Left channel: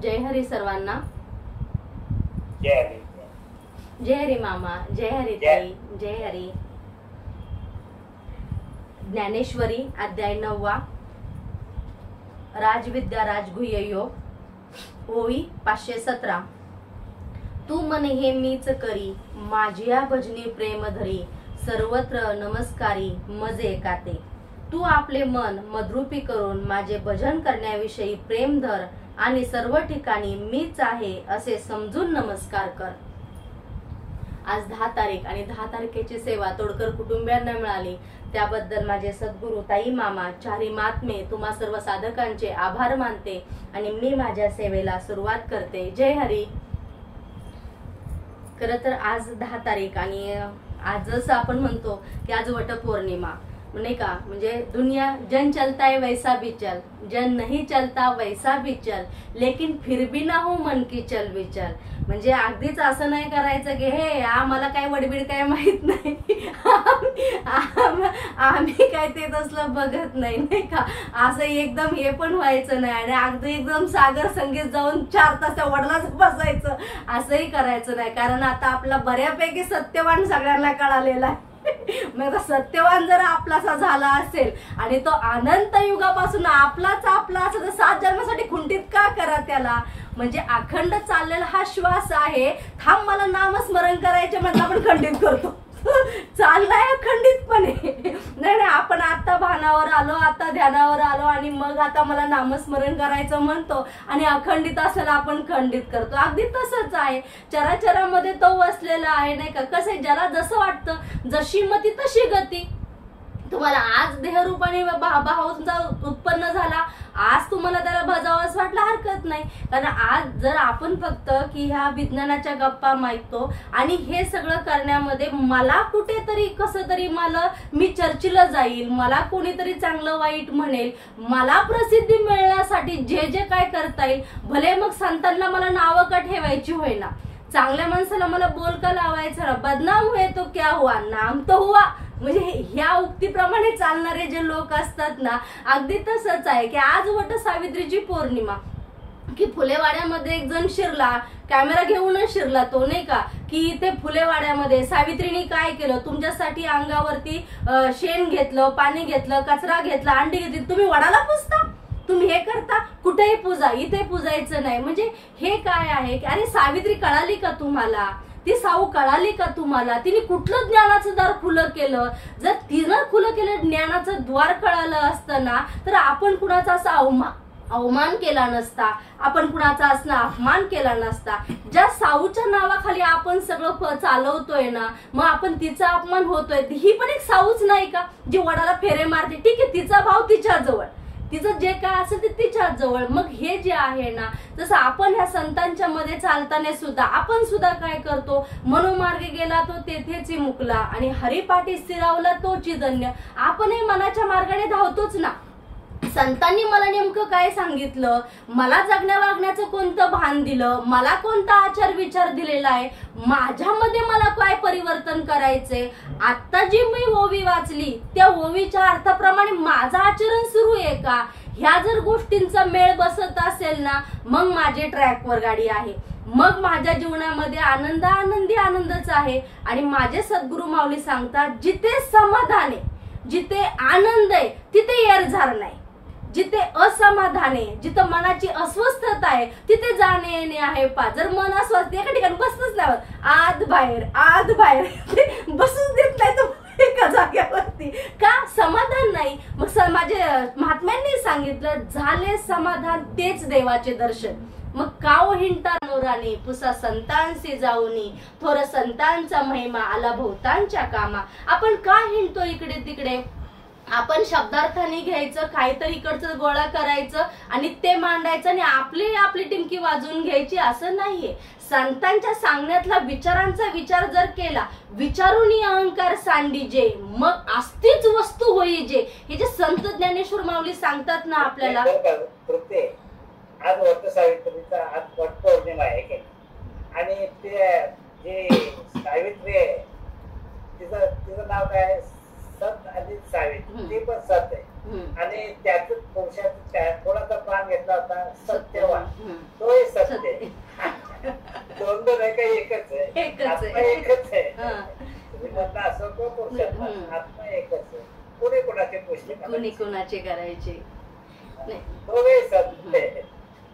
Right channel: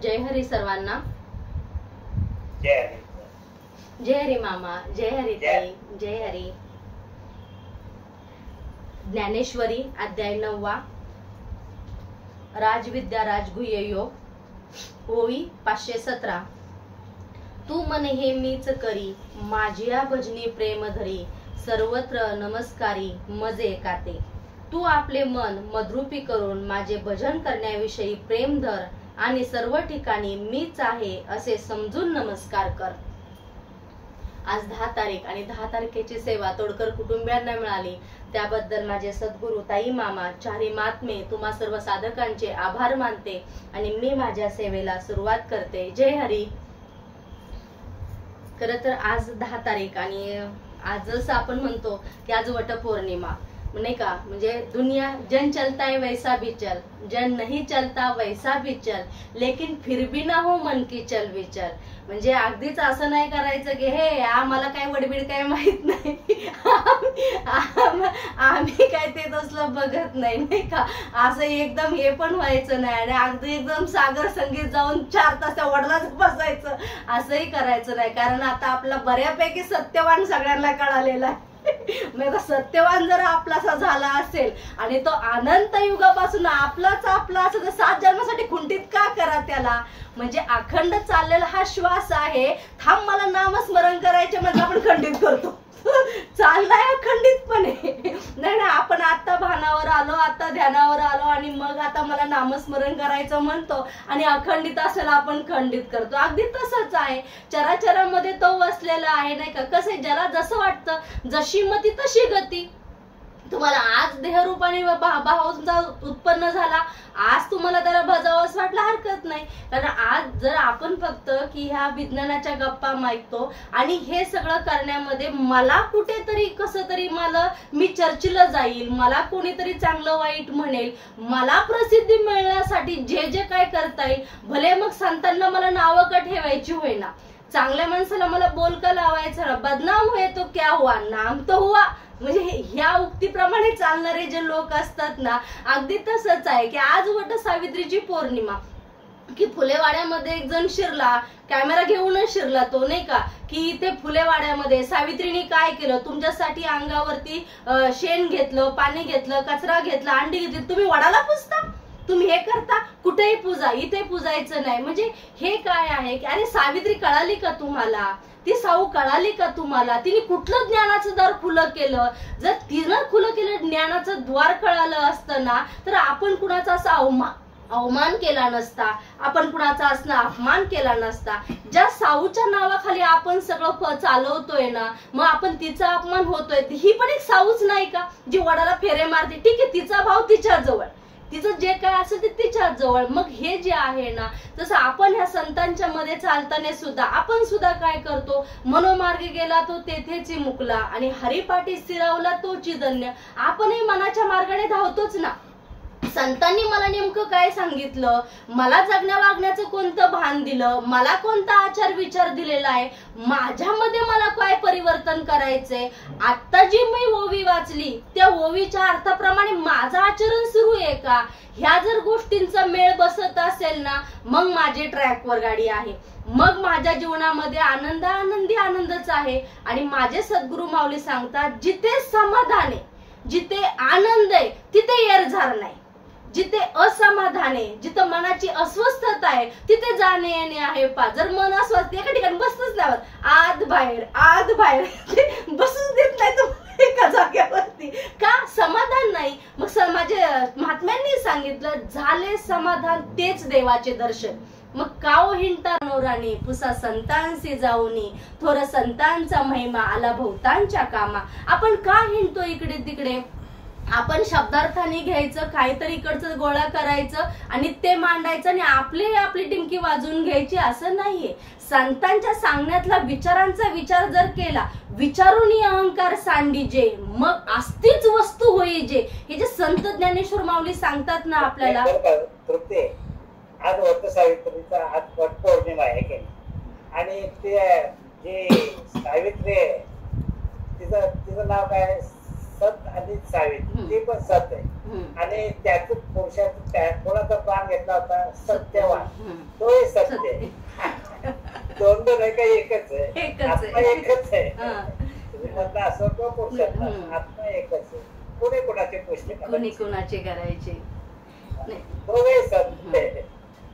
जय हरी सर्वांना. जय हरी. जय हरी मामा. जय हरी ताई. जय हरी. ज्ञानेश्वरी अध्याय 9. राजविद्या राजगुह्य योग. ओळी 517. तू मन हे मीच करी, माझिया भजनी प्रेम धरी, सर्वत्र नमस्कारी मजे एकाते. तू आपले मन मद्रूपी करून माझे भजन करण्याविषयी प्रेम धर आणि सर्व ठिकाणी मीच आहे असे समजून नमस्कार कर. आज 10 तारीख आणि 10 तारखेची सेवा तोडकर कुटुंबियांना मिळाली, त्याबद्दल माझे सद्गुरू ताई मामा चारी महात्मे तुम्हा सर्व साधकांचे आभार मानते आणि मी माझ्या सेवेला सुरुवात करते. जय हरी. खरं तर आज 10 तारीख आणि आजच आपण म्हणतो की आज वटपौर्णिमा नाही का. म्हणजे दुनिया जन चलता है वैसा भी चल, जन नहीं चलता वैसा भी चल, लेकिन फिर भी ना हो मन की चल विचल. म्हणजे अगदीच असं नाही करायचं की हे आम्हाला काय वडबीड काय माहित नाही, आम्ही काय ते तसलं बघत नाही का. असं एकदम हे पण व्हायचं नाही आणि अगदी एकदम सागर संगीत जाऊन 4 तास त्या वडिलाच बसायचं असंही करायचं नाही. कारण आता आपला बऱ्यापैकी सत्यवान सगळ्यांना कळालेला आहे. मग सत्यवान जर आपलासा झाला असेल आणि तो अनंत युगापासून आपलाच आपला असं 7 जन्मासाठी खुंटीत का करा त्याला. म्हणजे अखंड चाललेला हा श्वास आहे. थांब मला नामस्मरण करायचे म्हणजे आपण खंडित करतो, चाललाय अखंडितपणे. नाही आपण आता भानावर आलो, आता ध्यानावर आलो आणि मग आता मला नामस्मरण करायचं म्हणतो आणि अखंडित असेल आपण खंडित करतो. अगदी तसंच आहे. चराचरामध्ये तो वसलेला आहे नाही का. कसं ज्याला जसं वाटतं, जशी मती तशी गती. तुम्हाला आज देहरूपाने भावांचा उत्पन्न झाला, आज तुम्हाला त्याला भजावंच वाटलं हरकत नाही. कारण आज जर आपण फक्त की ह्या विज्ञानाच्या गप्पा मागतो आणि हे सगळं करण्यामध्ये मला कुठेतरी कसं तरी मी चर्चेला जाईल, मला कोणीतरी चांगलं वाईट म्हणेल, मला प्रसिद्धी मिळण्यासाठी जे जे काय करता येईल, भले मग संतांना मला नावं का ठेवायची होईना, चांगल्या माणसाला मला बोलका लावायचं, बदनाम हुए तो क्या हुआ, नाम तो हुआ. म्हणजे ह्या उक्तीप्रमाणे चालणारे जे लोक असतात ना, अगदी तसंच आहे की आज वट सावित्रीची पौर्णिमा की फुलेवाड्यामध्ये एक जण शिरला, कॅमेरा घेऊनच शिरला तो नाही का. की इथे फुलेवाड्यामध्ये सावित्रीने काय केलं, तुमच्यासाठी अंगावरती शेण घेतलं, पाणी घेतलं, कचरा घेतला, अंडी घेतली, तुम्ही वडाला पुजता, तुम्ही हे करता, कुठेही पूजा, इथे पूजायचं नाही. म्हणजे हे काय आहे की अरे सावित्री कळाली का तुम्हाला, ती साऊ कळाली का तुम्हाला, तिने कुठलं ज्ञानाचं दार खुलं केलं. जर तिनं खुलं केलं ज्ञानाचं द्वार कळालं असतं ना, तर आपण कुणाचा असा अवमान केला नसता, आपण कुणाचा असं अपमान केला नसता. ज्या साऊच्या नावाखाली आपण सगळं चालवतोय ना, मग आपण तिचा अपमान होतोय. ही पण एक साऊच नाही का, जी वडाला फेरे मारते. ठीक आहे, तिचा भाव तिच्या जवळ, तिचं जे काय असेल ते तिच्या जवळ. मग हे जे आहे ना, जसं आपण ह्या संतांच्या मध्ये चालताना सुद्धा आपण सुद्धा काय करतो, मनोमार्गे गेला तो तेथेच मुकला आणि हरिपाठी स्थिरावला तोची धन्य. आपणही मनाच्या मार्गाने धावतोच ना. संतांनी मला नेमकं काय सांगितलं, मला जगण्या वागण्याचं कोणतं भान दिलं, मला कोणता आचार विचार दिलेला आहे, माझ्यामध्ये मला काय परिवर्तन करायचंय. आता जी मी ओवी वाचली त्या ओवीच्या अर्थाप्रमाणे माझं आचरण सुरू आहे का, ह्या जर गोष्टींचा मेळ बसत असेल ना, मग माझी ट्रॅकवर गाडी आहे, मग माझ्या जीवनामध्ये आनंदी आनंदच आहे. आणि माझे सद्गुरू माऊली सांगतात, जिथे समाधान आहे, जिथे आनंद आहे, तिथे येरझार नाही. जिथे असमाधान आहे, जिथं मनाची अस्वस्थता आहे, तिथे जाणे येणे आहे. जर मन अस्वस्थ एका ठिकाणी बसतच नाही, आत बाहेर बसूच देत नाही तुम्ही एका जागेवरती का, समाधान नाही. मग माझे महात्म्यांनी सांगितलं, झाले समाधान तेच देवाचे दर्शन. मग काओ हिंटा नोराने पुसा संतांशी जाऊनी, थोर संतांचा महिमा आला भोवतांच्या कामा. आपण का हिंडतो इकडे तिकडे, आपण शब्दार्थाने घ्यायचं, काहीतरी इकडचं गोळा करायचं आणि ते मांडायचं आणि आपली टिमकी वाजवून घ्यायची, असं नाहीये. संतांच्या सांगण्यातला विचारांचा विचार जर केला, विचारूनी अहंकार सांडीजे, मग असतीच वस्तू होई जे. हे जे संत ज्ञानेश्वर माऊली सांगतात ना आपल्याला. आज वट सावित्रीचा आज वट पौर्णिमा आहे आणि ते जे सावित्री आहे तिचं नाव काय, सत आणि सावित्री, ती पण सत आहे आणि आणि त्याच पुरुषाचा कोणाचा प्राण घेतला होता? सत्यवान. तोही सत्य. दोन दोन आहे काही एकच आहे? आत्मा एकच आहे. स्त्रीमधला असो किंवा पुरुषातला आत्मा एकच आहे. कोणी कोणाचे प्रश्न कोणी कोणाचे करायचे? दोघे सत्य आहे.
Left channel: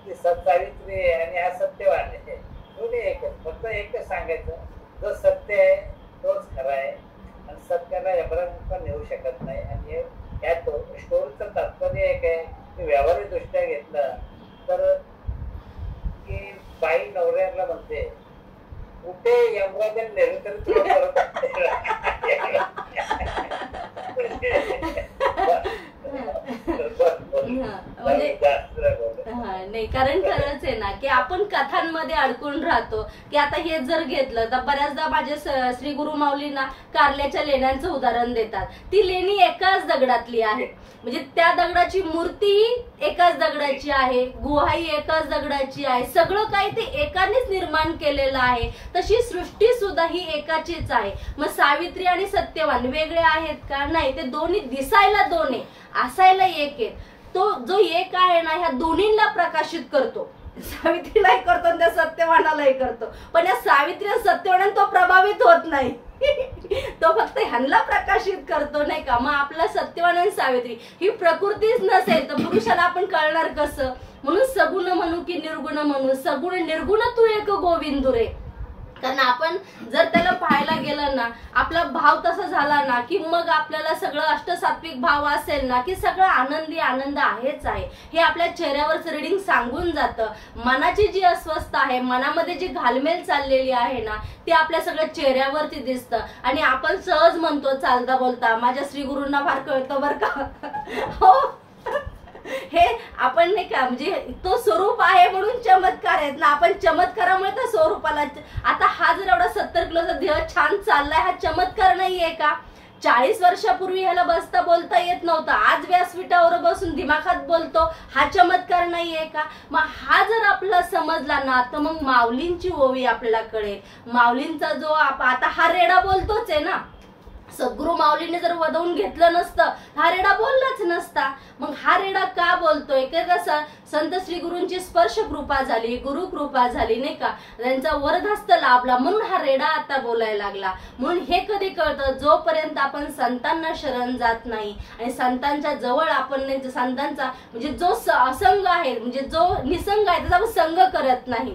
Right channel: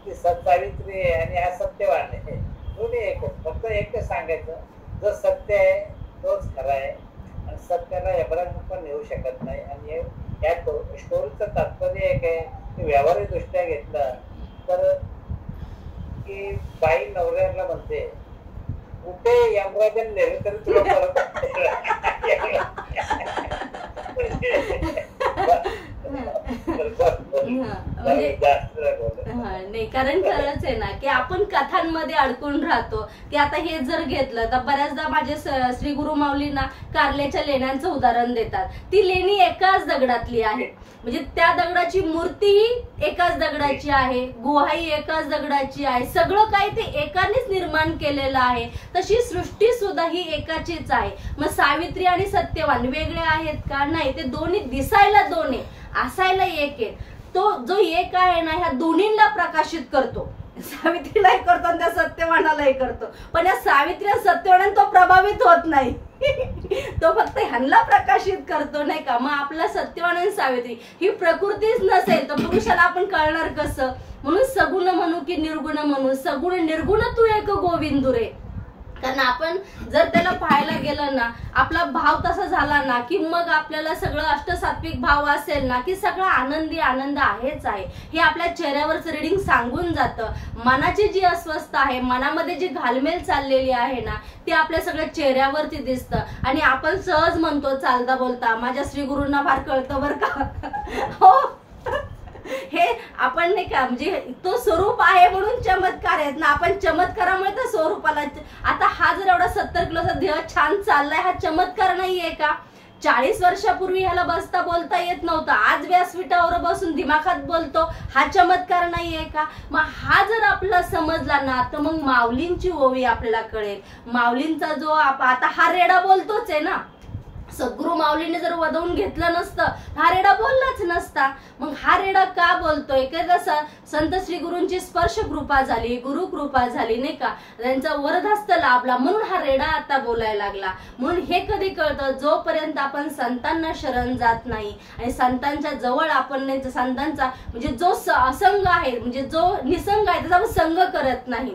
ती सत्सावित्री आहे आणि हा सत्यवान आहे. दोन्ही एकच. फक्त एकच सांगायचं, जो सत्य आहे तोच खरा आहे आणि सत्याला एवढा पण येऊ शकत नाही. आणि या स्टोरीचं तात्पर्य एक आहे की व्यावहारिक दृष्ट्या घेतलं तर की बाई नवऱ्याला म्हणते, कुठे यमराजन नेले तरी तुला परत म्हणजे नाही, कारण खरंच आहे ना की आपण कथांमध्ये अडकून राहतो. की आता हे जर घेतलं तर बऱ्याचदा माझे श्री गुरु माऊलींना कारल्याच्या लेण्यांचं उदाहरण देतात. ती लेणी एकाच दगडातली आहे, म्हणजे त्या दगडाची मूर्ती एकाच दगडाची आहे, गुहाही एकाच दगडाची आहे, सगळं काही ते एकानेच निर्माण केलेलं आहे. तशी सृष्टी सुद्धा ही एकाचीच आहे. मग सावित्री आणि सत्यवान वेगळे आहेत का? नाही, ते दोन्ही दिसायला दोन आहे, असायला एक आहे. तो जो एक आहे ना ह्या दोन्हींना प्रकाशित करतो. सावित्रीलाही करतो आणि त्या सत्यवानालाही करतो. पण या सावित्री आणि सत्यवानाने तो प्रभावित होत नाही. तो फक्त ह्यांना प्रकाशित करतो, नाही का? मग आपला सत्यवान आणि सावित्री ही प्रकृतीच नसेल तर पुरुषाला आपण कळणार कसं? म्हणून सगुण म्हणू की निर्गुण म्हणू, सगुण निर्गुण तू एक गोविंदू रे. कारण आपण जर त्याला पाहायला गेलं ना, आपला भाव तसा झाला ना की मग आपल्याला सगळं अष्टसात्विक भाव असेल ना की सगळं आनंदी आनंद आहेच आहे. हे आपल्या चेहऱ्यावरचं रिडिंग सांगून जातं. मनाची जी अस्वस्थ आहे, मनामध्ये जी घालमेल चाललेली आहे ना, ते आपल्या सगळ्या चेहऱ्यावरती दिसतं. आणि आपण सहज म्हणतो चालता बोलता, माझ्या श्री गुरूंना फार कळतं बरं का. हो, हे आपण नाही का, म्हणजे तो स्वरूप आहे म्हणून चमत्कार आहेत ना. आपण चमत्कारामुळे त्या स्वरूपाला, आता हा जर एवढा 70 किलोचा देह छान चाललाय, हा चमत्कार नाहीये का? 40 वर्षापूर्वी ह्याला बसता बोलता येत नव्हतं, आज व्यासपीठावर बसून दिमाखात बोलतो, हा चमत्कार नाहीये का? मग हा जर आपला समजला ना तर मग माऊलींची ओवी आपल्याला कळेल. माऊलींचा जो आता हा रेडा बोलतोच आहे ना. सद्गुरु माऊलीने जर वदवून घेतलं नसतं हा रेडा बोललाच नसता. मग हा रेडा का बोलतोय? कसं संत श्री गुरूंची स्पर्श कृपा झाली, गुरु कृपा झाली, नाही का? त्यांचा वरदहस्त लाभला म्हणून हा रेडा आता बोलायला लागला. म्हणून हे कधी कळतं? जोपर्यंत आपण संतांना शरण जात नाही आणि संतांच्या जवळ आपण नाही, संतांचा म्हणजे जो असंग आहे, म्हणजे जो निसंग आहे त्याचा आपण संग करत नाही.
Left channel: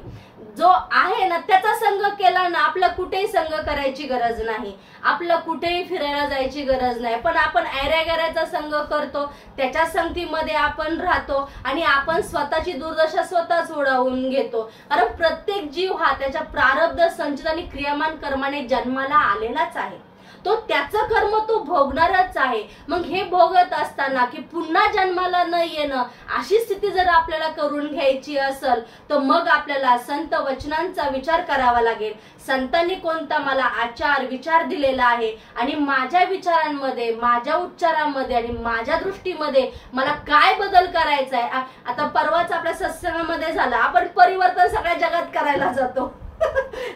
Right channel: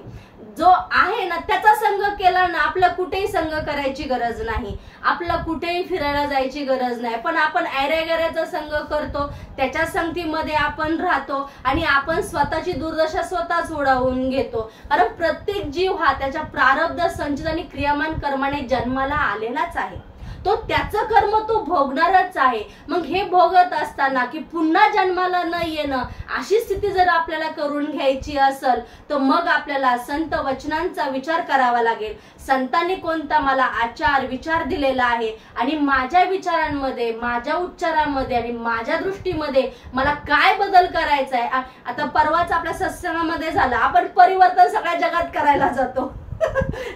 जो आहे ना त्याचा संग केला ना, आपला कुठेही संग करायची गरज नाही, आपला कुठेही फिरायला जायची गरज नाही. पण आपण ऐऱ्यागऱ्याचा संग करतो, त्याच्या संगतीमध्ये आपण राहतो आणि आपण स्वतःची दुर्दशा स्वतःच ओढावून घेतो. कारण प्रत्येक जीव हा त्याच्या प्रारब्ध संचित आणि क्रियामान कर्माने जन्माला आलेलाच आहे. तो त्याचं कर्म तो भोगणारच आहे. मग हे भोगत असताना की पुन्हा जन्माला न येणं अशी स्थिती जर आपल्याला करून घ्यायची असेल तर मग आपल्याला संत वचनांचा विचार करावा लागेल. संतांनी कोणता मला आचार विचार दिलेला आहे आणि माझ्या विचारांमध्ये, माझ्या उच्चारांमध्ये आणि माझ्या दृष्टीमध्ये मला काय बदल करायचा आहे. आता परवाच आपल्या सत्संगामध्ये झाला, आपण परिवर्तन सगळ्या जगात करायला जातो.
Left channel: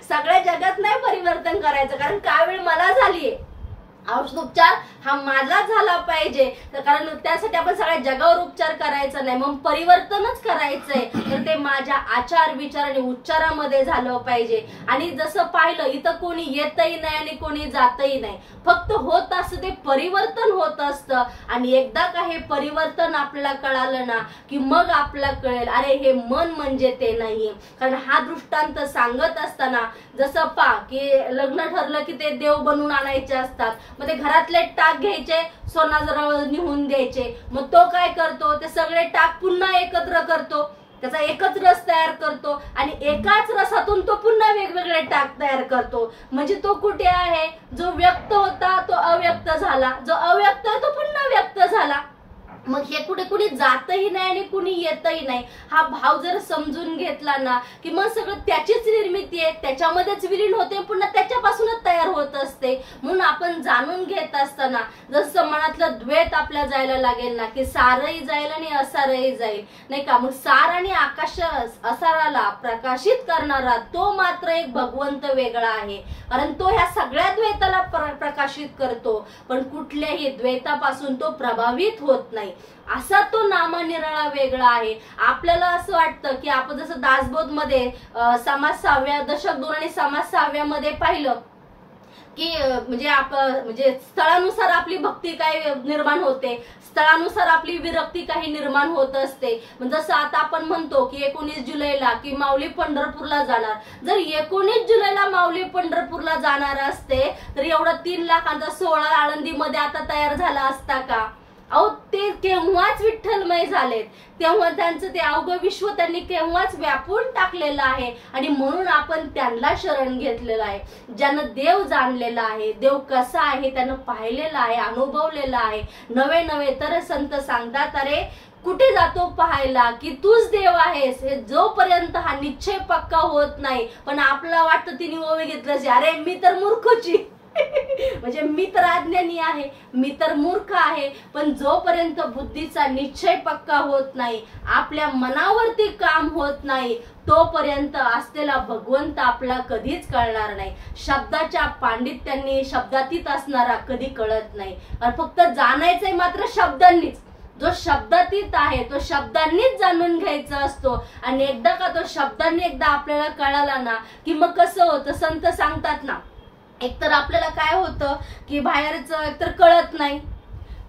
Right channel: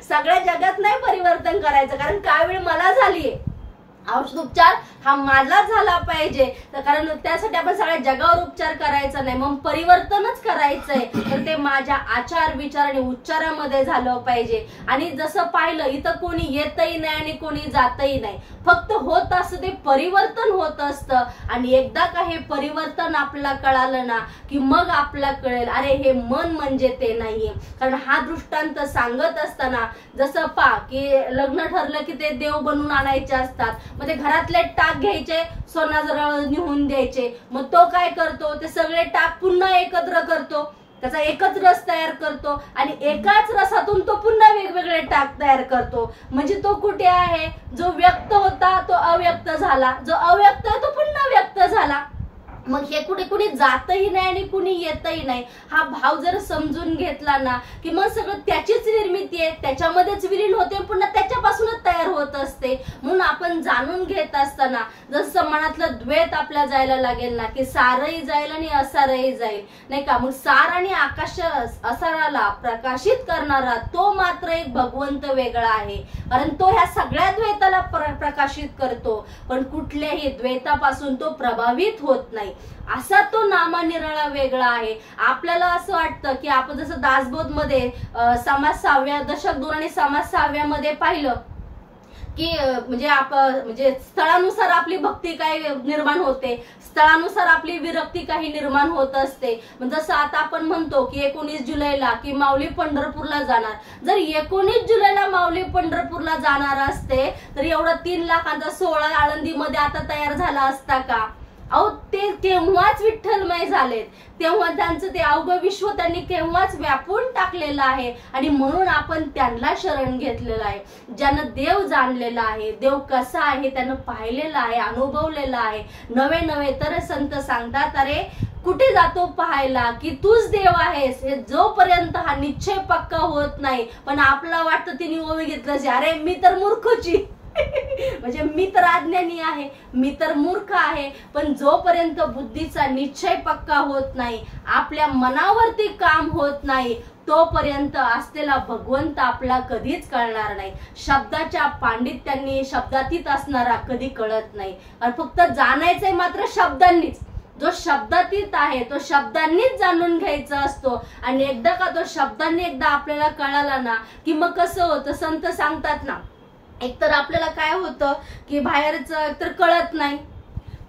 सगळ्या जगात नाही परिवर्तन करायचं, कारण काय वेळ मला झालीये. औषधोपचार हा माझा झाला पाहिजे, तर कारण त्यासाठी आपण सगळ्या जगावर उपचार करायचा नाही, मग परिवर्तनच करायचंय. तर ते माझ्या आचार विचार आणि उच्चारामध्ये झालं पाहिजे. आणि जसं पाहिलं इथं कोणी येतही नाही आणि कोणी जातही नाही, फक्त होत असतं ते परिवर्तन होत असतं. आणि एकदा का हे परिवर्तन आपल्याला कळालं ना की मग आपल्याला कळेल अरे हे मन म्हणजे ते नाहीये. कारण हा दृष्टांत सांगत असताना जसं की लग्न ठरलं की ते देव बनवून आणायचे असतात, मग ते घरातले टाक घ्यायचे, सोना जरा निघून द्यायचे. मग तो काय करतो? ते सगळे टाक पुन्हा एकत्र करतो, त्याचा एकच रस तयार करतो आणि एकाच रसातून तो पुन्हा वेगवेगळे टाक तयार करतो. म्हणजे तो कुठे आहे? जो व्यक्त होता तो अव्यक्त झाला, जो अव्यक्त तो पुन्हा व्यक्त झाला. मग हे कुठे कुणी जातही नाही आणि कुणी येतही नाही. हा भाव जर समजून घेतला ना की मग सगळं त्याचीच निर्मिती आहे, त्याच्यामध्येच विलीन होते, पुन्हा त्याच्यापासूनच तयार होत असते. म्हणून आपण जाणून घेत असताना जसं मनातलं द्वैत आपल्या जायला लागेल ना की सारही जाईल आणि असारही जाईल, नाही का? मग सार आणि आकाश असाराला प्रकाशित करणारा तो मात्र एक भगवंत वेगळा आहे, कारण तो ह्या सगळ्या द्वैताला प्रकाशित करतो. पण कुठल्याही द्वैतापासून तो प्रभावित होत नाही. असा तो नामानिराळा वेगळा आहे. आपल्याला असं वाटतं की आपण जसं दासबोध मध्ये समाज 6व्या दशक 2 आणि समाज 6व्या मध्ये पाहिलं की म्हणजे स्थळानुसार आपली भक्ती काय निर्माण होते, स्थळानुसार आपली विरक्ती काही निर्माण होत असते. जसं आता आपण म्हणतो की 19 जुलैला की माऊली पंढरपूरला जाणार. जर 19 जुलैला माऊली पंढरपूरला जाणार असते तर एवढं 3 लाखांचा सोहळा आळंदीमध्ये आता तयार झाला असता का? अहो ते केव्हाच विठ्ठलमय झालेत, तेव्हा त्यांचं ते अवघं विश्व त्यांनी केव्हाच व्यापून टाकलेलं आहे. आणि म्हणून आपण त्यांना शरण घेतलेलं आहे, ज्यानं देव जाणलेला आहे, देव कसा आहे त्यानं पाहिलेला आहे, अनुभवलेला आहे. नवे तर संत सांगतात, अरे कुठे जातो पाहायला की तूच देव आहेस. हे जोपर्यंत हा निश्चय पक्का होत नाही, पण आपलं वाटतं तिने ओवी घेतलं, अरे मी तर मूर्खची म्हणजे मी तर अज्ञानी आहे, मी तर मूर्ख आहे. पण जोपर्यंत बुद्धीचा निश्चय पक्का होत नाही, आपल्या मनावरती काम होत नाही, तोपर्यंत असलेला भगवंत आपला कधीच कळणार नाही. शब्दाच्या पांडित्यांनी शब्दातीत असणारा कधी कळत नाही. आणि फक्त जाणायचंय मात्र शब्दांनीच. जो शब्दातीत आहे तो शब्दांनीच जाणून घ्यायचा असतो. आणि एकदा का तो शब्दांनी एकदा आपल्याला कळाला ना की मग कसं होतं, संत सांगतात ना, एकतर आपल्याला काय होतं की बाहेरचं एकतर कळत नाही,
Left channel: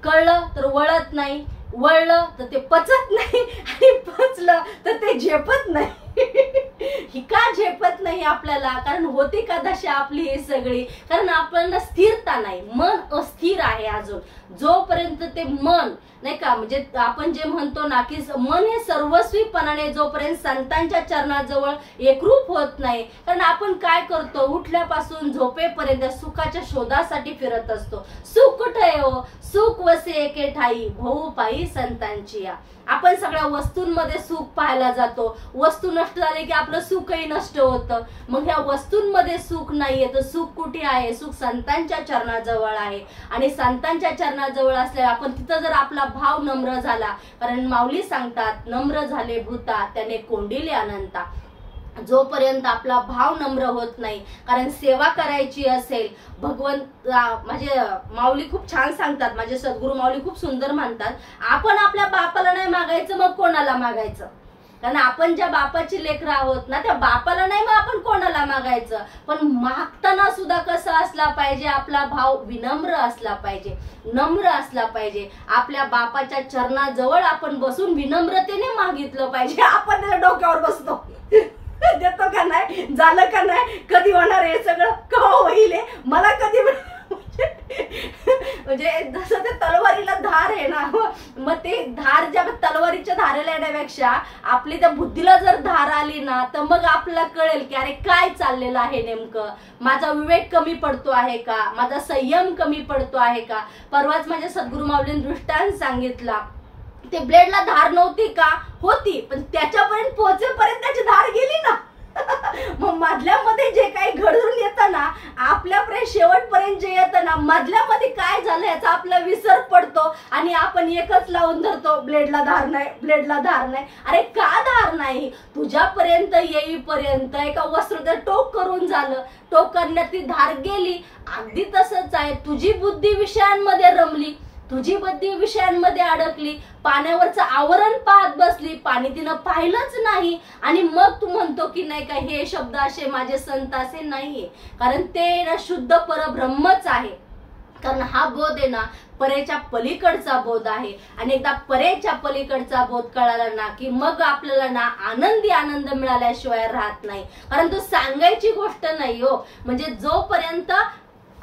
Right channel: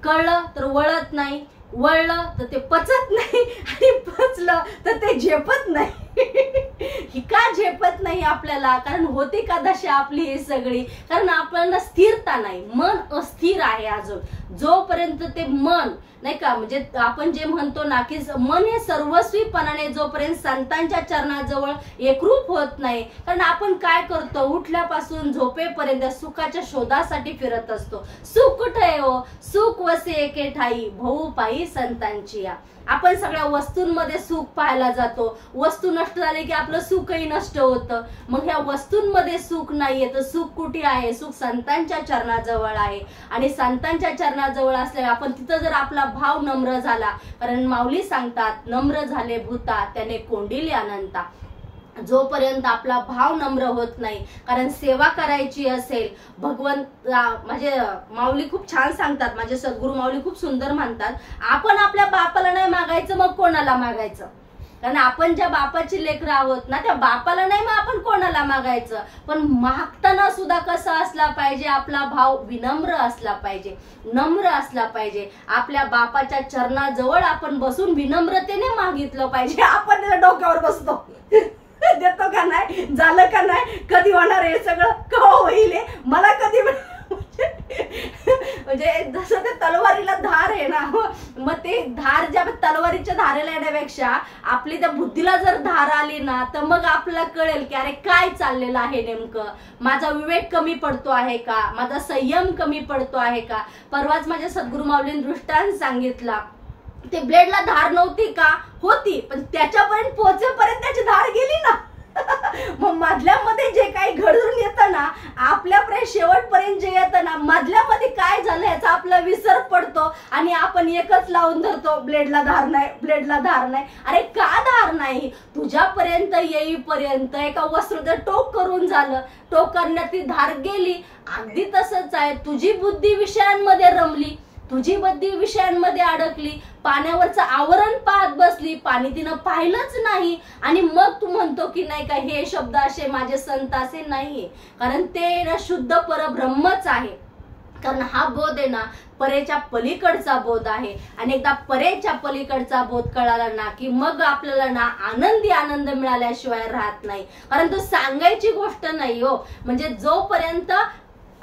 कळलं तर वळत नाही, वळलं तर ते पचत नाही, आणि पचलं तर ते झेपत नाही. ही का झेपत नाही आपल्याला? कारण होती का दशा आपली ही सगळी? कारण आपल्याला स्थिरता नाही, मन अस्थिर आहे अजून. जोपर्यंत ते मन नाही का, म्हणजे आपण जे म्हणतो ना की मन हे सर्वस्वीपणाने जोपर्यंत संतांच्या चरणाजवळ एकरूप होत नाही, कारण आपण काय करतो, उठल्यापासून झोपेपर्यंत सुखाच्या शोधासाठी फिरत असतो. सुख कुठे आहे हो? सुख वसे एके ठाई, भाऊ पायी संतांची या. आपण सगळ्या वस्तूंमध्ये सुख पाहायला जातो. वस्तू नष्ट झाले की आपलं सुखही नष्ट होतं. मग ह्या वस्तूंमध्ये सुख नाहीये तर सुख कुठे आहे? सुख संतांच्या चरणाजवळ आहे. आणि संतांच्या चरणाजवळ असल्यावर आपण तिथं जर आपला भाव नम्र झाला, कारण माऊली सांगतात, नम्र झाले भूता त्याने कोंडिले अनंता. जोपर्यंत आपला भाव नम्र होत नाही, कारण सेवा करायची असेल, भगवंत म्हणजे माऊली खूप छान सांगतात, माझे सद्गुरू माऊली खूप सुंदर म्हणतात, आपण आपल्या बापाला नाही मागायचं मग कोणाला मागायचं? कारण आपण ज्या बापाची लेकरं आहोत ना, त्या बापाला नाही मग आपण कोणाला मागायचं? पण मागताना सुद्धा कसं असला पाहिजे, आपला भाव विनम्र असला पाहिजे, नम्र असला पाहिजे. आपल्या बापाच्या चरणाजवळ आपण बसून विनम्रतेने मागितलं पाहिजे. आपण डोक्यावर बसतो, देतो का नाही, झालं का नाही, कधी होणार हे सगळं, का होईल मला कधी, म्हणजे जसं ते तलवारीला धार आहे ना, मग ते धार ज्या तलवारीच्या धारेला येण्यापेक्षा आपली त्या बुद्धीला जर धार आली ना, तर मग आपल्याला कळेल की अरे काय चाललेलं आहे नेमकं, माझा विवेक कमी पडतो आहे का, माझा संयम कमी पडतो आहे का. परवाच माझ्या सद्गुरू माऊलींनी दृष्टांत सांगितला, ते ब्लेडला धार नव्हती का, होती, पण त्याच्यापर्यंत पोहोचेपर्यंत त्याची धार गेली ना. मग मधल्यामध्ये जे काही घडून येतं ना, आपल्यापर्यंत शेवटपर्यंत जे येतं ना, मधल्यामध्ये काय झालं याचा आपला विसर पडतो आणि आपण एकच लावून धरतो, ब्लेडला धार नाही, ब्लेडला धार नाही. अरे का धार नाही? तुझ्यापर्यंत येईपर्यंत एका वस्त्र टोक करून झालं, टोक करण्यात ती धार गेली. अगदी तसंच आहे, तुझी बुद्धी विषयांमध्ये रमली, तुझी बुद्धी विषयांमध्ये अडकली, पाण्यावरचं आवरण पाहत बसली, पाणी तिनं पाहिलंच नाही, आणि मग तू म्हणतो की नाही का हे शब्द असे माझे संत असे नाहीये. कारण ते ना शुद्ध परब्रह्मच आहे. कारण हा बोध आहे ना परेच्या पलीकडचा बोध आहे. आणि एकदा परेच्या पलीकडचा बोध कळाला ना की मग आपल्याला ना आनंदी आनंद मिळाल्याशिवाय राहत नाही. कारण तो सांगायची गोष्ट नाही हो. म्हणजे जोपर्यंत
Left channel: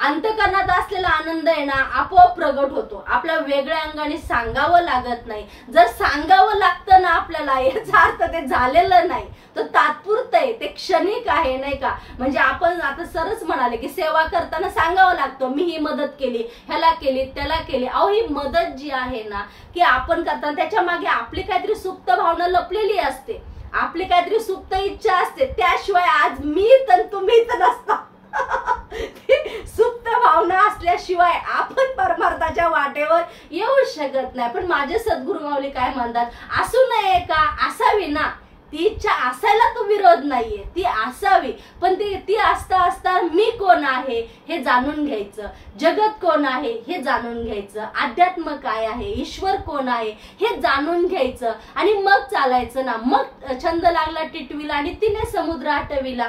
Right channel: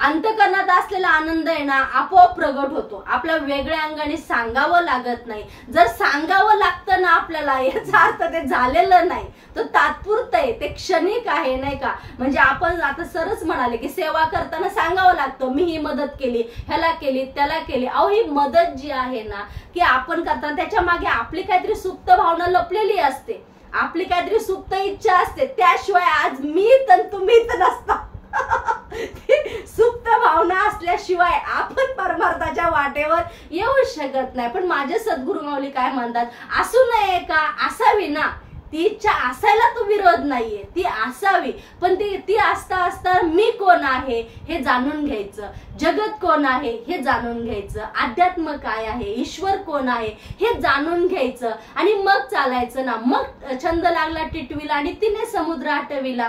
अंतकरणात असलेला आनंद आहे ना आपोआप प्रगट होतो, आपल्या वेगळ्या अंगाने सांगावं लागत नाही. जर सांगावं लागतं ना आपल्याला, याचा अर्थ ते झालेलं नाही, तर तात्पुरतं आहे, ते क्षणिक आहे नाही का. म्हणजे आपण आता सरच म्हणाले की सेवा करताना सांगावं लागतं, मी ही मदत केली, ह्याला केली, त्याला केली. अहो ही मदत जी आहे ना की आपण करताना त्याच्या मागे आपली काहीतरी सुप्त भावना लपलेली असते, आपली काहीतरी सुप्त इच्छा असते, त्याशिवाय आज मी तर तुम्ही तर नसता. सुप्त भावना असल्याशिवाय आपण परमार्थाच्या वाटेवर येऊ शकत नाही. पण माझे सद्गुरू माऊली काय म्हणतात, असू नये का, असावी ना. ती इच्छा असायला तो विरोध नाहीये, ती असावी, पण ती असता असता मी कोण आहे हे जाणून घ्यायचं, जगत कोण आहे हे जाणून घ्यायचं, अध्यात्म काय आहे, ईश्वर कोण आहे हे जाणून घ्यायचं आणि मग चालायचं ना. मग छंद लागला टिटवीला आणि तिने समुद्र आटविला.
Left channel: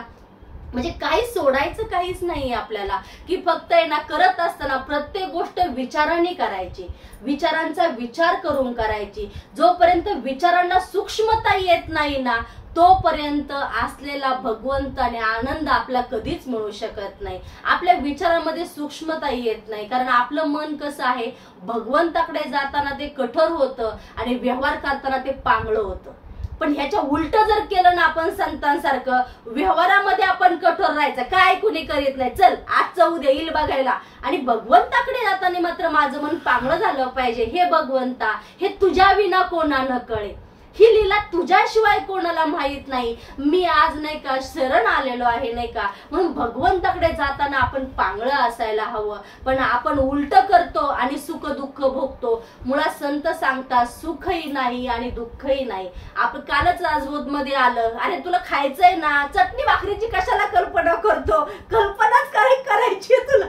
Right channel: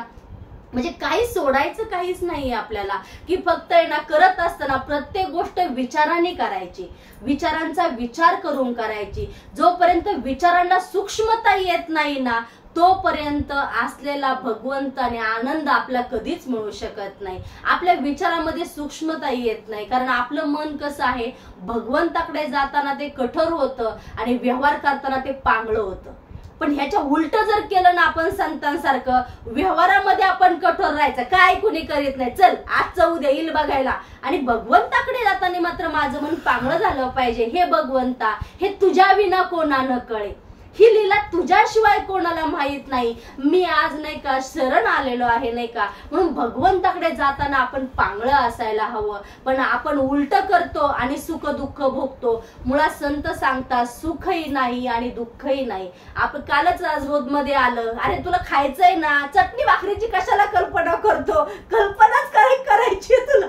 म्हणजे काही सोडायचं काहीच नाहीये आपल्याला, की फक्त आहे ना करत असताना प्रत्येक गोष्ट विचाराने करायची, विचारांचा विचार करून करायची. जोपर्यंत विचारांना सूक्ष्मता येत नाही ना तोपर्यंत असलेला भगवंत आणि आनंद आपला कधीच मिळू शकत नाही. आपल्या विचारामध्ये सूक्ष्मता येत नाही, कारण आपलं मन कसं आहे, भगवंताकडे जाताना ते कठोर होतं आणि व्यवहार करताना ते पांगळं होतं. पण ह्याच्या उलट जर केलं ना आपण संतांसारखं, व्यवहारामध्ये आपण कठोर राहायचं, काय कुणी करीत नाही, चल आजचं उद्या येईल बघायला, आणि भगवंताकडे जाताना मात्र माझं मन पांगळं झालं पाहिजे. हे भगवंता, हे तुझ्या विना कोणानं कळे, ही लीला तुझ्याशिवाय कोणाला माहित नाही, मी आज नाही का शरण आलेलो आहे नाही का. म्हणून भगवंताकडे जाताना आपण पांगळं असायला हवं. पण आपण उलट करतो आणि सुख दुःख भोगतो. मुळात संत सांगतात सुखही नाही आणि दुःखही नाही. आपण कालच राजबोध मध्ये आलं, अरे तुला खायचंय ना, चटणी भाकरीची कशाला कल्पना करतो, कल्पनाच करायची तुला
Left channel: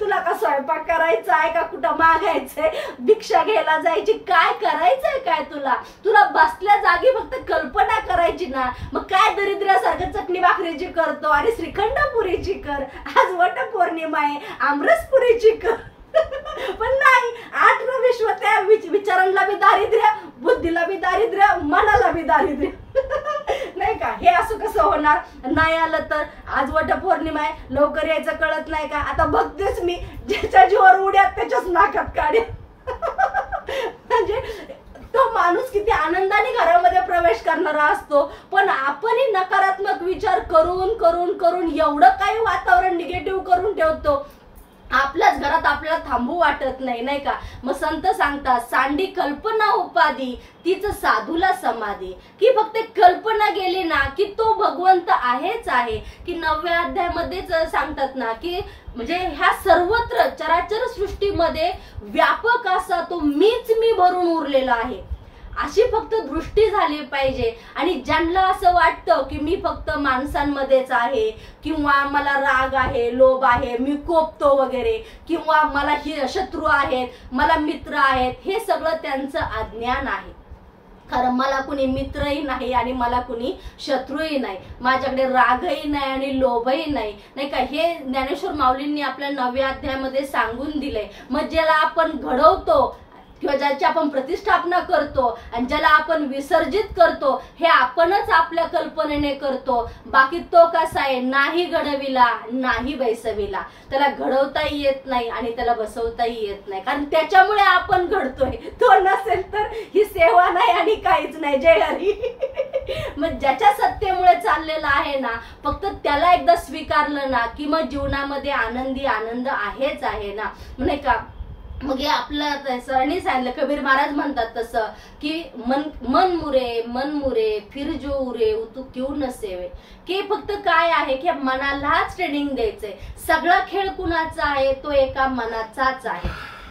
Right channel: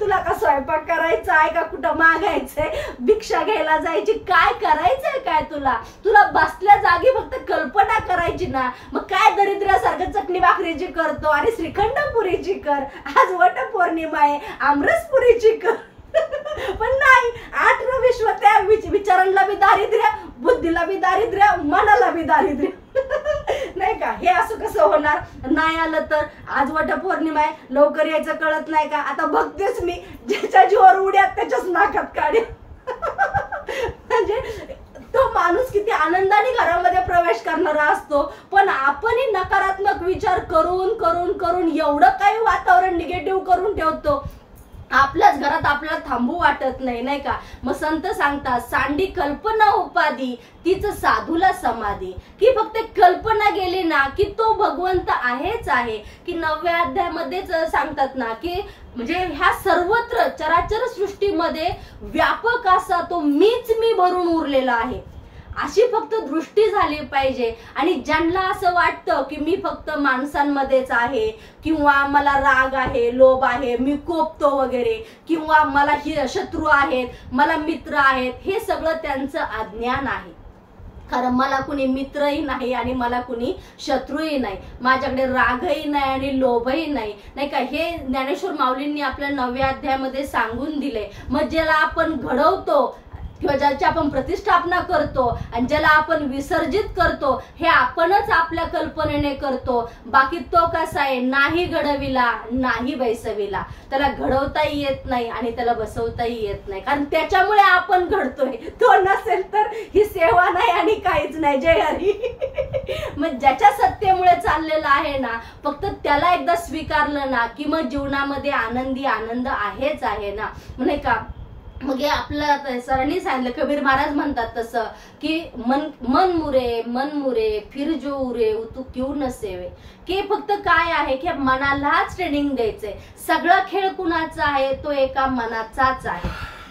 तुला का स्वयंपाक करायचा आहे का, कुठं मागायचंय, भिक्षा घ्यायला जायची, काय करायचंय काय तुला, तुला बसल्या जागी फक्त कल्पना करायची ना. मग काय दरिद्रासारखं चटणी भाकरीची करतो आणि श्रीखंडपुरीची कर, आज वटपौर्णिमा आहे आमरसपुरीची कर पण नाही, 8 विश्व त्या विचारांना बी दारिद्र्य, बुद्धीला बी दारिद्र्य, मनाला बी दारिद्र्य नाही का. हे असं कसं होणार, नाही आलं तर. आज वटपौर्णिमा आहे, लवकर यायचं कळत नाही का. आता बघतेच मी, ज्याच्या जीवावर उड्यात त्याच्याच नाकात काढे म्हणजे तो माणूस किती आनंदाने घरामध्ये प्रवेश करणारा असतो, पण आपणही नकारात्मक विचार करून करून करून एवढं काही वातावरण निगेटिव्ह करून ठेवतो, आपल्याच घरात आपल्याला थांबू वाटत नाही नाही का. मग संत सांगतात, सांडी कल्पना उपाधी तीच साधूला समाधी, की फक्त कल्पना गेली ना की तो भगवंत आहेच आहे. की 9व्या अध्यायामध्येच सांगतात ना की म्हणजे ह्या सर्वत्र चराचर सृष्टीमध्ये व्यापक असा तो मीच मी भरून उरलेला आहे, अशी फक्त दृष्टी झाली पाहिजे. आणि ज्यांना असं वाटतं की मी फक्त माणसांमध्येच आहे, किंवा मला राग आहे, लोभ आहे, मी कोपतो वगैरे, किंवा मला शत्रू आहेत, मला मित्र आहेत, हे सगळं त्यांचं अज्ञान आहे. कारण मला कुणी मित्रही नाही आणि मला कुणी शत्रूही नाही, माझ्याकडे रागही नाही आणि लोभही नाही नाही का. हे ज्ञानेश्वर माऊलींनी आपल्या 9व्या अध्यायामध्ये सांगून दिले. मग ज्याला आपण घडवतो किंवा ज्याची आपण प्रतिष्ठापना करतो आणि ज्याला आपण विसर्जित करतो, हे आपणच आपल्या कल्पनेने करतो. बाकी तो कसा आहे, नाही घडविला नाही बैसविला, त्याला घडवताही येत नाही आणि त्याला बसवताही येत नाही, कारण त्याच्यामुळे आपण घडतोय. तो नसेल तर ही सेवा नाही आणि काहीच नाही. जय हरी मग ज्याच्या सत्तेमुळे चाललेलं आहे ना, फक्त त्याला एकदा स्वीकारलं ना की मग जीवनामध्ये आनंदी आनंद आहेच आहे ना, नाही का. मग हे आपलं सरांनी सांगितलं, कबीर महाराज म्हणतात तसं की मन मुरे फिर जो उरे तू क्यों न सेवे, की फक्त काय आहे की मनालाच ट्रेनिंग द्यायचंय. सगळा खेळ कुणाचा आहे, तो एका मनाचाच आहे.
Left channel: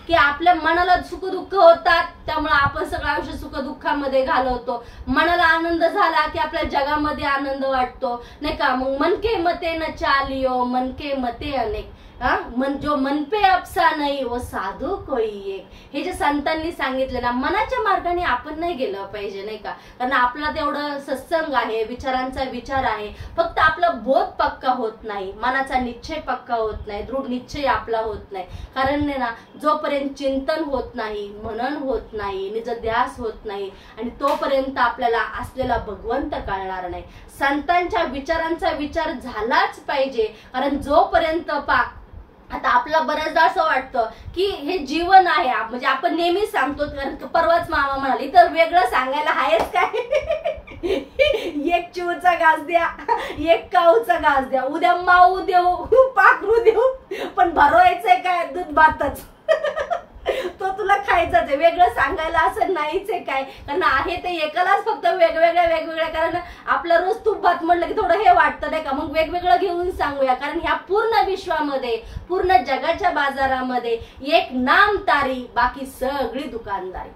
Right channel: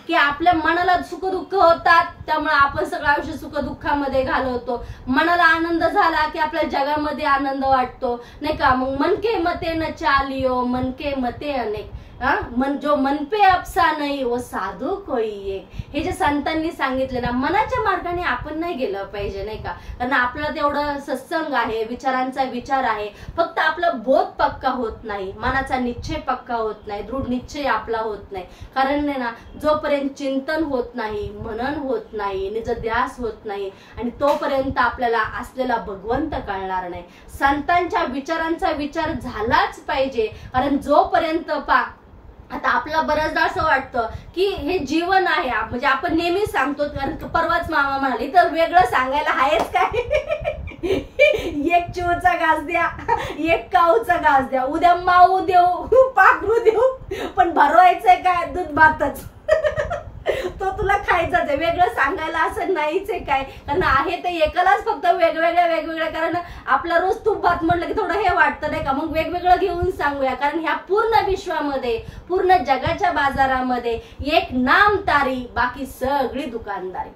की आपल्या मनाला सुख दुःख होतात, त्यामुळे आपण सगळं आयुष्य सुख दुःखामध्ये घालवतो. मनाला आनंद झाला की आपल्या जगामध्ये आनंद वाटतो नाही का. मग मन के मते न चालियो, मन के मते अनेक, मन जो मन पे अपसा नाही वो साधू कोई एक. हे जे संतांनी सांगितले ना, मनाच्या मार्गाने आपण नाही गेलं पाहिजे नाही का. कारण आपला तेवढं सत्संग आहे, विचारांचा विचार आहे, फक्त आपला बोध पक्का होत नाही, मनाचा निश्चय पक्का होत नाही, दृढ निश्चय आपला होत नाही. कारण ना, जोपर्यंत चिंतन होत नाही, मनन होत नाही, निज ध्यास होत नाही, आणि तोपर्यंत आपल्याला असलेला भगवंत कळणार नाही. संतांच्या विचारांचा विचार झालाच पाहिजे. कारण जोपर्यंत आता आपला बऱ्याचदा असं वाटतं की हे जीवन आहे, म्हणजे आपण नेहमी सांगतो, कारण परवाच मामा म्हणाले तर वेगळं सांगायला आहेच काय एक चिवचा घास द्या, एक काऊचा घास द्या, उद्या माऊ देऊ, पाखरू देऊ, पण भरवायचंय काय, दूध भातच तो तुला खायचाच आहे. वेगळं सांगायला असं नाहीच आहे काय, कारण आहे ते एकालाच फक्त वेगवेगळ्या. कारण आपला रोज तूप भात म्हणलं की थोडं हे वाटतं नाही का, मग वेगवेगळं घेऊन सांगूया. कारण ह्या पूर्ण विश्वामध्ये, पूर्ण जगाच्या बाजारामध्ये एक नाम तारी, बाकी सगळी दुकानदारी.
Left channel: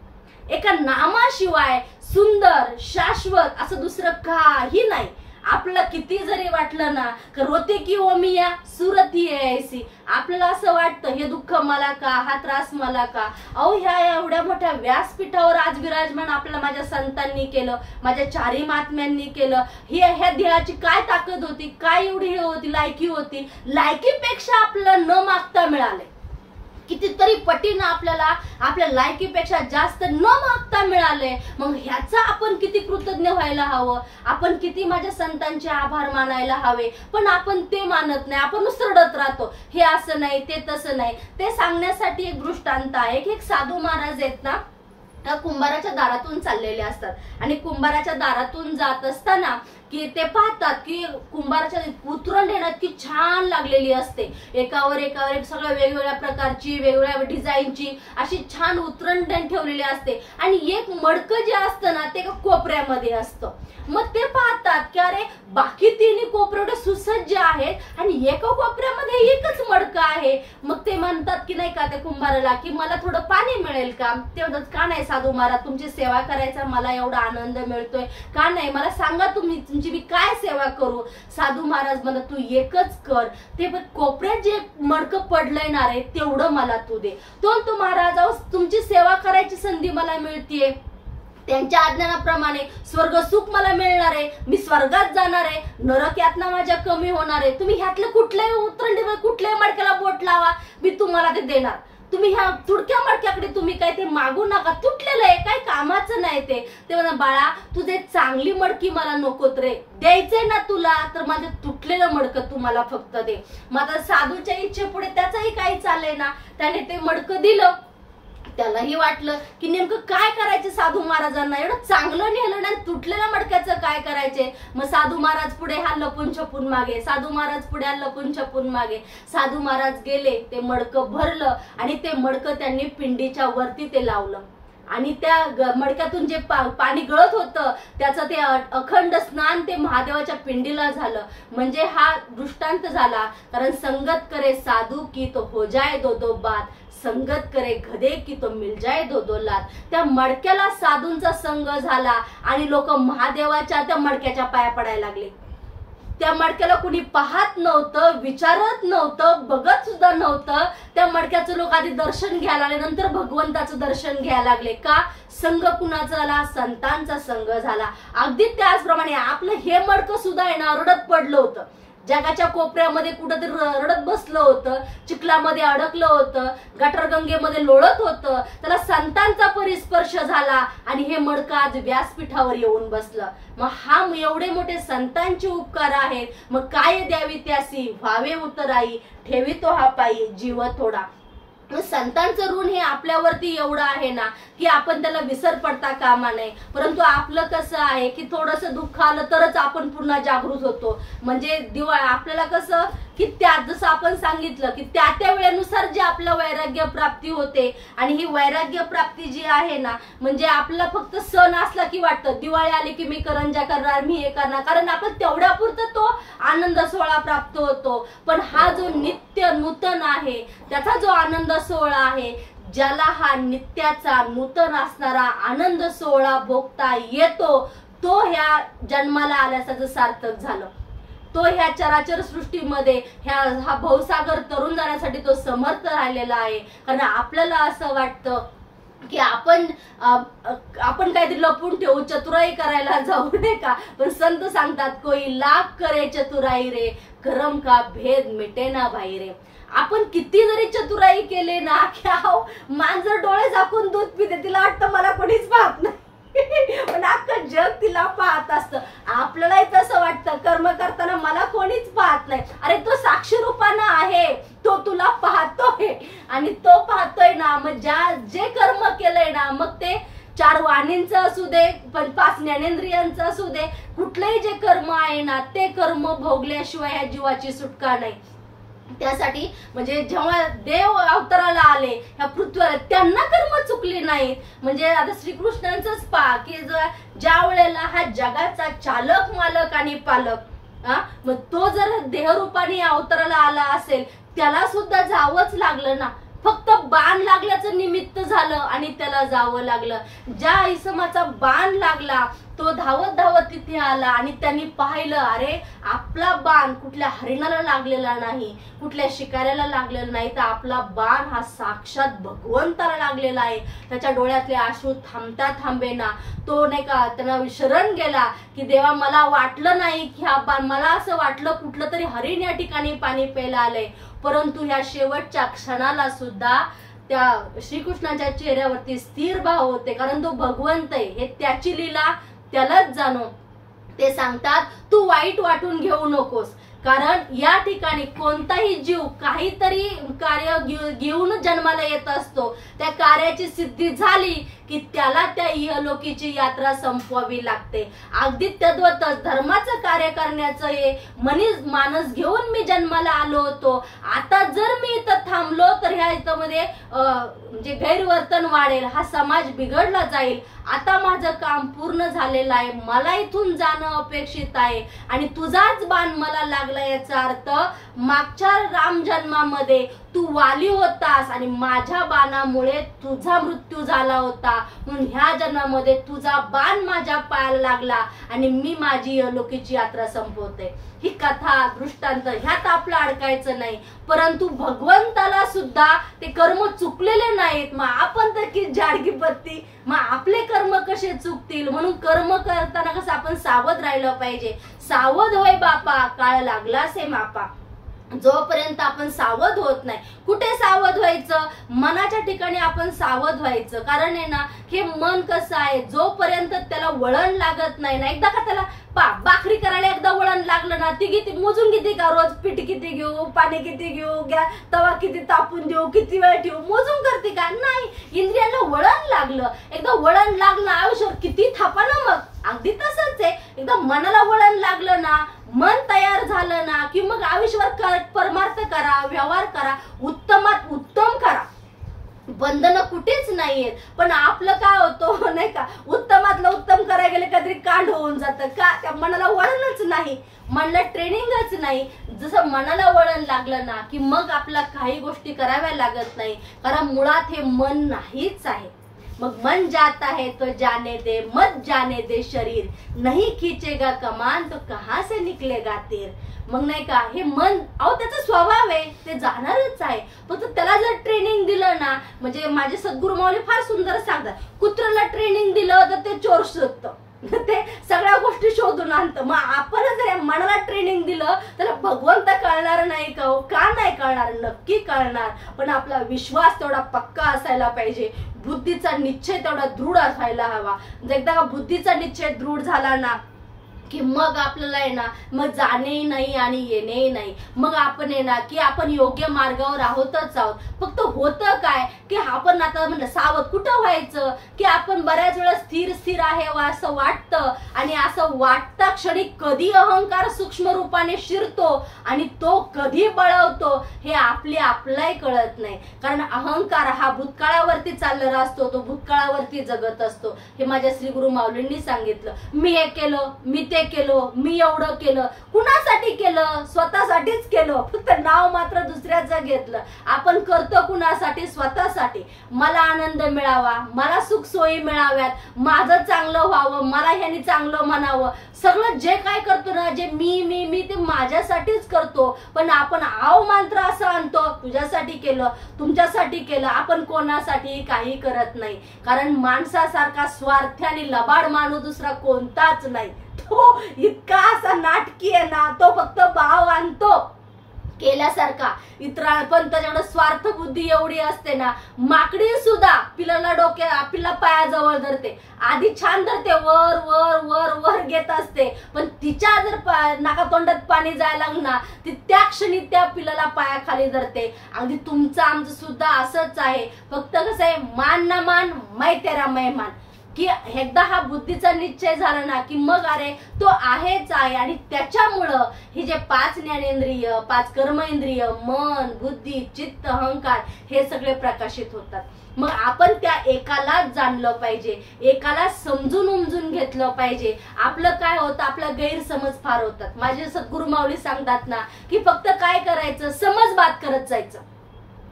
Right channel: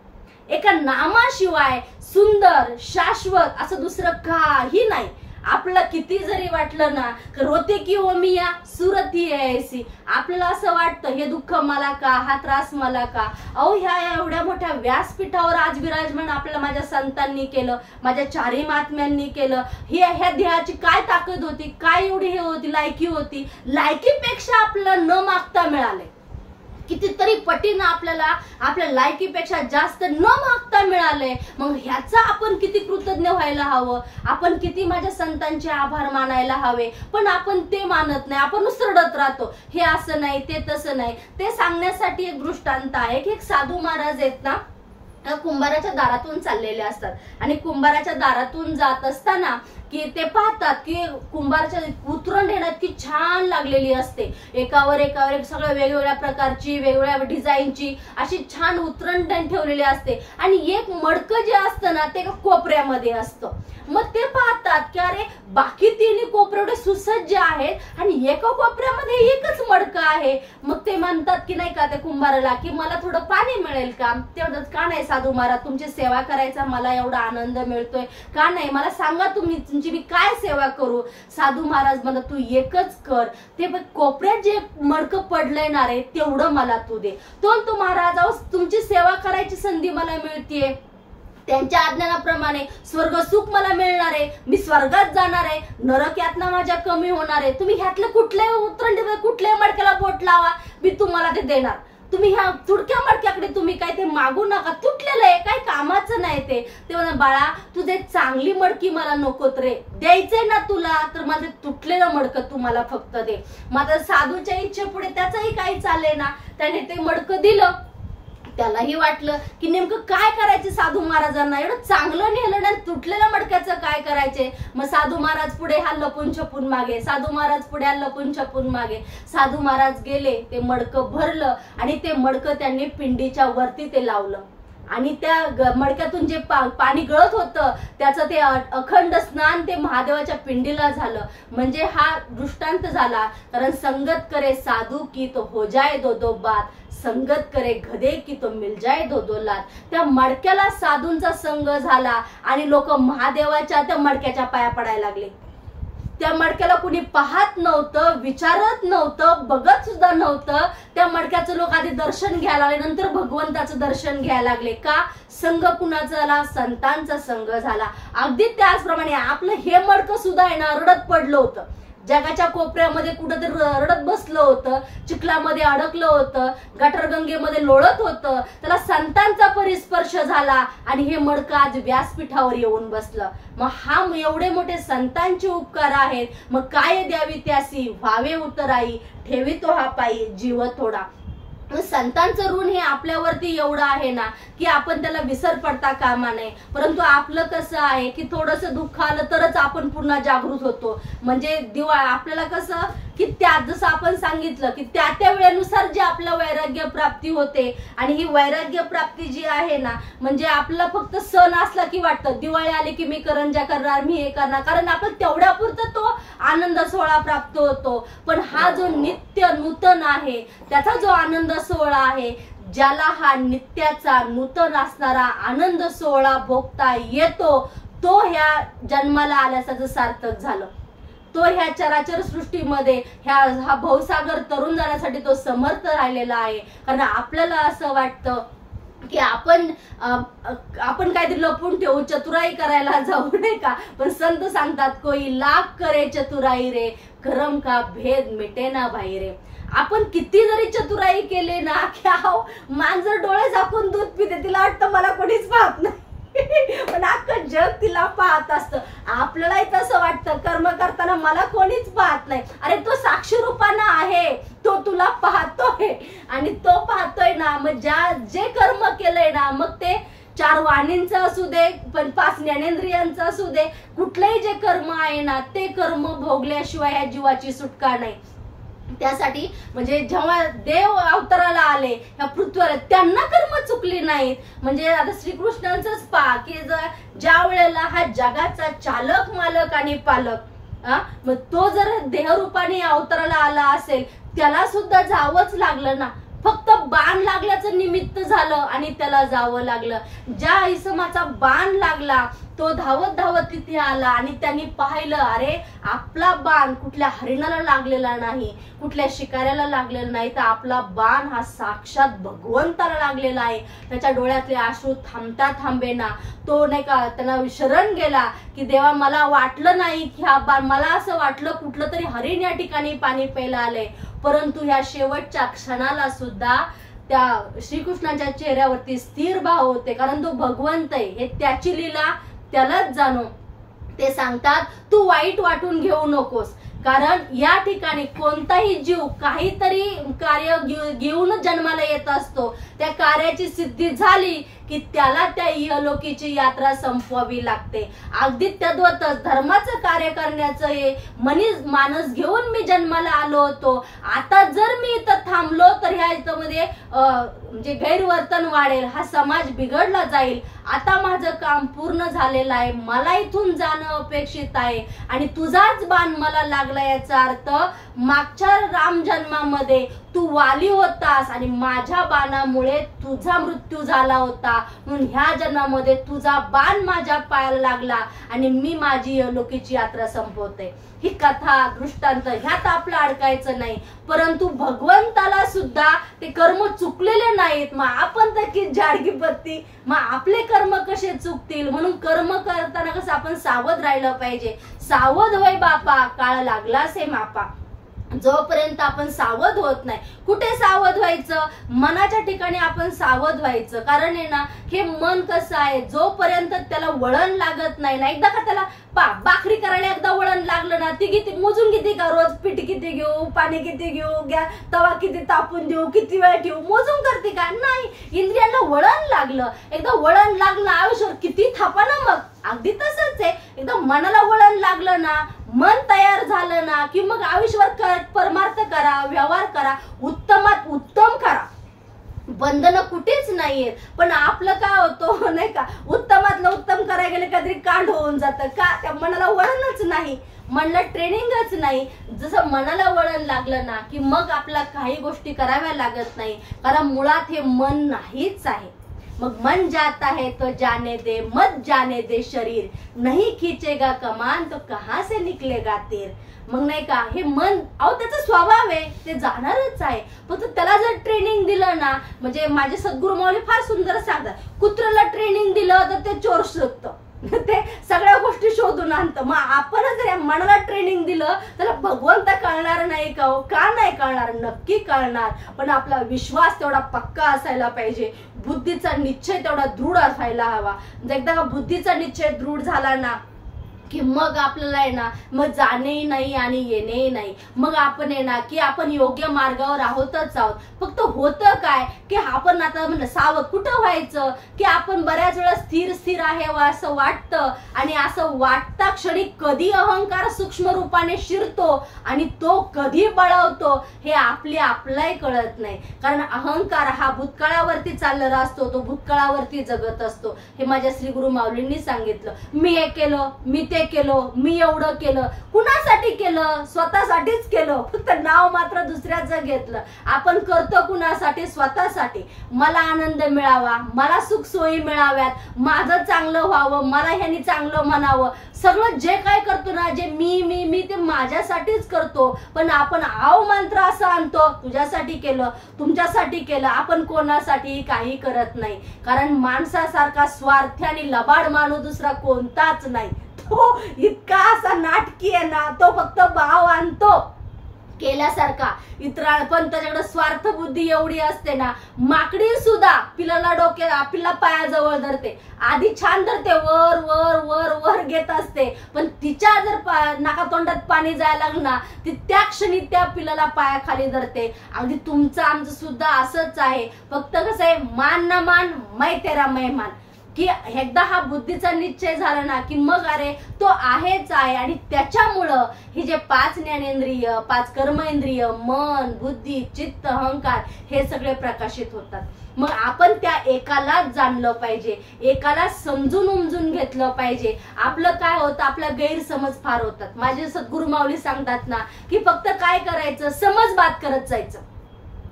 एका नामाशिवाय सुंदर शाश्वत असं दुसरं काही नाही. आपल्याला किती जरी वाटलं ना तर होते की ओ मिया सुरती ऐसी, आपल्याला असं वाटतं हे दुःख मला का, हा त्रास मला का. अहो ह्या एवढ्या मोठ्या व्यासपीठावर आज विराजमान आपल्याला माझ्या संतांनी केलं, माझ्या चारी महात्म्यांनी केलं. ह्या देहाची काय ताकद होती, काय एवढी हे होती, लायकी होती. लायकीपेक्षा आपल्याला न मागता मिळाले, कितीतरी पटीनं आपल्याला आपल्या लायकीपेक्षा जास्त न मागता मिळाले. मग ह्याचा आपण किती कृतज्ञ व्हायला हवं, आपण किती माझ्या संतांचे आभार मानायला हवे. पण आपण ते मानत नाही, आपण उसरडत राहतो. हे असं नाही, ते तसं नाही. ते सांगण्यासाठी एक दृष्टांत आहे की एक साधू महाराज आहेत ना, कुंभाराच्या दारातून चाललेले असतात आणि कुंभाराच्या दारातून जात असताना की ते पाहतात की कुंभाराच्या उतरण देण्यात की छान लागलेली असते, एकावर एक सगळ्या वेगवेगळ्या प्रकारची वेगवेगळ्या डिझाईनची अशी छान उतरण ठेवलेली असते आणि एक मडकं जे असतं ना ते कोपऱ्यामध्ये असतं. मग ते पाहतात की अरे बाकी तिन्ही कोपरे एवढे सुसज्ज आहेत आणि एका कोपऱ्यामध्ये एकच मडकं आहे. मग ते म्हणतात की नाही का त्या कुंभाराला की मला थोडं पाणी मिळेल का. ते म्हणतात का नाही साधू महाराज, तुमची सेवा करायचा मला एवढा आनंद मिळतोय, का नाही मला सांगा तुमची मी काय सेवा करू. साधू महाराज म्हणतात तू एकच कर, ते कोपऱ्यात जे मडकं पडलंय ना रे तेवढं मला तू दे. तो महाराज तुमची सेवा करायची संधी मला मिळतीये, त्यांच्या आज्ञानाप्रमाणे स्वर्ग सुख मला मिळणार आहे, मी स्वर्गात जाणार आहे, नरक यातना माझ्या कमी होणार आहे. तुम्ही ह्यातलं कुठल्याही उतरण कुठल्याही मडक्याला बोट लावा, मी तुम्हाला ते देणार. तुम्ही ह्या तुडक्या मडक्याकडे तुम्ही काय ते मागू नका, तुटलेलं आहे काय कामाचं नाही ते म्हणा बाळा तुझे चांगली मडकी मला नकोत रे, द्यायचंय ना तुला तर माझं तुटलेलं मडकं तुम्हाला फक्त दे. माझा साधूच्या इच्छेपुढे त्याचंही काही चालले ना, त्याने ते मडकं दिलं. त्यालाही वाटलं की नेमकं काय करायचे साधू महाराजांना, एवढं चांगलं नेलं ना तुटलेल्या मडक्याचं काय करायचे. मग साधू महाराज पुढे हा लपून छपून मागे, साधू महाराज पुढे हा लपून छपून मागे. साधू महाराज गेले, ते मडकं भरलं आणि ते मडकं त्यांनी पिंडीच्या वरती ते लावलं आणि त्या मडक्यातून जे पाणी गळत होतं त्याचं ते अखंड स्नान ते महादेवाच्या पिंडीला झालं. म्हणजे हा दृष्टांत झाला. कारण संगत करे साधू की तो हो जाए दो दो बात, संगत करे गधे की तो मिल जाए दो दो लात. त्या मडक्याला साधूंचा संग झाला आणि लोक महादेवाच्या त्या मडक्याच्या पाया पडायला लागले. त्या मडक्याला कुणी पाहत नव्हतं, विचारत नव्हतं, बघत सुद्धा नव्हतं. त्या मडक्याचं लोक आधी दर्शन घ्यायला लागले, नंतर भगवंताचं दर्शन घ्यायला लागले. का संघ कुणाचा झाला, संतांचा संघ झाला. अगदी त्याचप्रमाणे आपलं हे मडकं सुद्धा आहे ना रडत पडलं होतं, जगाच्या कोपऱ्यामध्ये कुठंतरी रडत बसलं होतं, चिखलामध्ये अडकलं होतं, गटरगंगेमध्ये लोळत होतं. त्याला संतांचा परिस्पर्श झाला आणि हे मडकं आज व्यासपीठावर येऊन बसलं. मग हा एवढे मोठे संतांचे उपकार आहेत, मग काय द्यावी त्यासी व्हावे उतराई, ठेवी तो हा पायी जीव थोडा. संतांचं ऋण हे आपल्यावरती एवढं आहे ना की आपण त्याला विसर पडता कामा नये. परंतु आपलं कसं आहे की थोडंसं दुःख आलं तरच आपण पुन्हा जागृत होतो. म्हणजे आपल्याला कसं की त्या जसं आपण सांगितलं की त्या वेळेनुसार जे आपलं वैराग्य प्राप्ती होते आणि ही वैराग्य प्राप्ती जी आहे ना म्हणजे आपल्याला फक्त सण असला की वाटतं दिवाळी आली की मी करंजा करणार, मी हे करणार, कारण आपण तेवढ्यापुरतं तो आनंद सोहळा प्राप्त होतो. पण हा जो नित्य नूतन आहे त्याचा जो आनंद सोहळा आहे, ज्याला हा नित्याचा नूतन असणारा आनंद सोहळा भोगता येतो, तो ह्या जन्माला आल्याचं सार्थक झालं. तो ह्या चराचर सृष्टीमध्ये हा भवसागर तरुण जाण्यासाठी तो समर्थ राहिलेला आहे. कारण आपल्याला असं वाटतं की आपण काहीतरी लपून ठेवू, चतुराई करायला जाऊ नये का. पण संत सांगतात कोई लाख करे चतुराई रे, करम का भेद मिटे ना भाई रे. आपण किती जरी चतुराई केले ना की मांजर डोळे झाकून दूध पिते, तिला वाटतं मला कोणीच पाहत नाही, पण अख्खं जग तिला पाहत असतं. आपल्यालाही तसं वाटतं कर्म करताना मला कोणीच पाहत नाही. अरे तो साक्षी रूपानं आहे, तो तुला पाहतोय आणि तो पाहतोय ना. मग जे कर्म केलंय ना, मग ते 4 वाणींचं असू दे, 5 ज्ञानेंद्रियांचं असू दे, कुठलंही जे कर्म आहे ना ते कर्म भोगल्याशिवाय ह्या जीवाची सुटका नाही. त्यासाठी म्हणजे जेव्हा देव अवताराला आले ह्या पृथ्वीवर, त्यांना कर्म चुकली नाहीत. म्हणजे आता श्रीकृष्णांचंच पहा की ज्या वेळेला हा जगाचा चालक मालक आणि पालक मग तो जर देहरूपाने अवताराला आला असेल त्याला सुद्धा जावंच लागलं ना. फक्त बाण लागल्याचं निमित्त झालं आणि त्याला जावं लागलं. ज्या इसमाचा बाण लागला तो धावत धावत तिथे आला आणि त्यांनी पाहिलं, अरे आपला बाण कुठल्या हरिणाला लागलेला नाही, कुठल्या शिकाऱ्याला लागलेला नाही, तर आपला बाण हा साक्षात भगवंताला लागलेला आहे. त्याच्या डोळ्यातले अश्रू थांबता थांबेना. तो नाही का त्यांना शरण गेला की देवा मला वाटलं नाही की हा बाण, मला असं वाटलं कुठलं तरी हरिण या ठिकाणी पाणी प्यायला आलंय. परंतु ह्या शेवटच्या क्षणाला सुद्धा त्या श्रीकृष्णाच्या चेहऱ्यावरती स्थिर भाव होते, कारण तो भगवंत आहे, हे त्याची लीला त्यालाच जाणो. ते सांगतात तू वाईट वाटून घेऊ नकोस, कारण या ठिकाणी कोणताही जीव काहीतरी कार्य घेऊन जन्माला येत असतो. त्या कार्याची सिद्धी झाली की त्याला त्या इहलोकीची यात्रा संपवावी लागते. अगदी तद्वतच धर्माचं कार्य करण्याचं हे मानस घेऊन मी जन्माला आलो होतो. आता जर मी इथं थांबलो तर ह्या इथं मध्ये म्हणजे गैरवर्तन वाढेल, हा समाज बिघडला जाईल. आता माझं काम पूर्ण झालेलं आहे, मला इथून जाणं अपेक्षित आहे आणि तुझाच बाण मला लागला. याचा अर्थ मागच्या राम जन्मामध्ये तू वाली होतास आणि माझ्या बाणामुळे तुझा मृत्यू झाला होता, म्हणून ह्या जन्मामध्ये तुझा बाण माझ्या पायाला लागला आणि मी माझी लोकीची यात्रा संपवते. ही कथा दृष्टांत ह्यात आपलं अडकायचं नाही, परंतु भगवंताला सुद्धा ते कर्म चुकलेले नाहीत. मग आपण तर की जाडगी पत्ती, मग आपले कर्म कसे चुकतील? म्हणून कर्म करताना कसं आपण सावध राहिलं पाहिजे. सावध होय बापा, काळ लागलास हे मापा. जोपर्यंत आपण सावध होत नाही, कुठे सावध व्हायचं? मनाच्या ठिकाणी आपण सावध व्हायचं. कारण आहे ना, हे मन कसं आहे, जोपर्यंत त्याला वळण लागत नाही ना, एकदा का त्याला भाकरी करायला एकदा वळण लागलं ना, ती किती मोजून किती का रोज पीठ किती घेऊ, पाणी किती घेऊ, तवा किती तापून देऊ, किती वेळ ठेवू, मोजून करते का? नाही. इंद्रियांना वळण लागलं, एकदा वळण लागलं आयुष्यावर किती थापा ना. मग अगदी तसंच आहे, एकदा मनाला वळण लागलं ना, मन तयार झालं ना की मग आयुष्यावर परमार्थ करा, व्यवहार करा, उत्तमात उत्तम करा. बंधन कुठेच नाहीये. पण आपलं काय होतं नाही का, उत्तमातलं उत्तम करायला गेलं कधी कांड होऊन जातं का? त्या मनाला वळणच नाही, मनला ट्रेनिंगच नाही. जसं मनाला वळण लागलं ना की मग आपला काही गोष्टी कराव्या लागत नाही, कारण मुळात हे मन नाहीच आहे. मग मन जाता है तो जाने दे, मत जाने दे शरीर, नहीं खींचेगा कमान तो कहां से निकलेगा तीर. मग नाही का, हे मन अहो त्याचा स्वभाव आहे, ते जाणारच आहे. फक्त त्याला जर ट्रेनिंग दिलं ना, म्हणजे माझे सद्गुरु माऊली फार सुंदर सांगतात, कुत्र्याला ट्रेनिंग दिलं तर ते चोर शोधतं, ते सगळ्या गोष्टी शोधून आणतं. मग आपण जर मनाला ट्रेनिंग दिलं तर भगवंत कळणार नाही का? का नाही कळणार? नक्की कळणार. पण आपला विश्वास तेवढा पक्का असायला पाहिजे, बुद्धीचा निश्चय तेवढा दृढ असायला हवा. एकदा का बुद्धीचा निश्चय दृढ झाला ना की मग आपल्याला आहे ना, मग जाणेही नाही आणि येणेही नाही. मग आपण आहे ना की आपण योग्य मार्गावर आहोतच आहोत. फक्त होतं काय की आपण आता म्हणलं सावध कुठं व्हायचं की आपण बऱ्याच वेळा स्थिर आहे असं वाटतं आणि असं वाटता क्षणी कधी अहंकार सूक्ष्म रूपाने शिरतो आणि तो कधी बळावतो हे आपल्यालाही कळत नाही. कारण अहंकार हा भूतकाळावरती चाललेला असतो, तो भूतकाळावरती जगत असतो. हे माझ्या श्री गुरु माऊलींनी सांगितलं. मी हे केलं, मी ते केलं, मी एवढं केलं. कुणासाठी केलं? स्वतःसाठीच केलं, फक्त नाव मात्र दुसऱ्याचं घेतलं. आपण करतो कुणासाठी? स्वतःसाठी. मला आनंद मिळावा, मला सुख सोयी मिळाव्यात, माझं चांगलं व्हावं, मला ह्यानी चांगलं म्हणावं. सगळं जे काय करतो ना, जे मी ते माझ्यासाठीच करतो. पण आपण आव मंत्र असं आणतो, तुझ्यासाठी केलं, तुमच्यासाठी केलं. आपण कोणासाठी काही करत नाही, कारण माणसासारखा स्वार्थी आणि लबाड माणूस दुसरा कोणताच नाही. तो इतका असा नाटकी आहे ना, तो फक्त भाव आणतो केल्यासारखा इतरा, पण त्याच्याकडे स्वार्थ बुद्धी एवढी असते ना. माकडी सुद्धा पिलाला पिल्ला पायाजवळ धरते, आधी छान धरते, वर वर वर वर घेत असते, पण तिच्या जर नाका तोंडात पाणी जायला लागलं ना, ती त्या क्षणी त्या पिलाला पायाखाली धरते. अगदी तुमचं आमचं सुद्धा असंच आहे. फक्त कसं आहे, मान ना मान, मै तेरा मेहमान, की एकदा हा बुद्धीचा निश्चय झाला ना की मग अरे तो आहेच आहे. आणि त्याच्यामुळं हे जे 5 ज्ञानेंद्रिय, 5 कर्मेंद्रिय, मन, बुद्धी, चित्त, अहंकार हे सगळे प्रकाशित होतात. मग आपण त्या एकालाच जाणलं पाहिजे, एकाला समजून उमजून घेतलं पाहिजे. आपलं काय होतं, आपला गैरसमज फार होतात. माझे सद्गुरु माऊली सांगतात ना की फक्त काय करायचं, समज बात करत जायचं.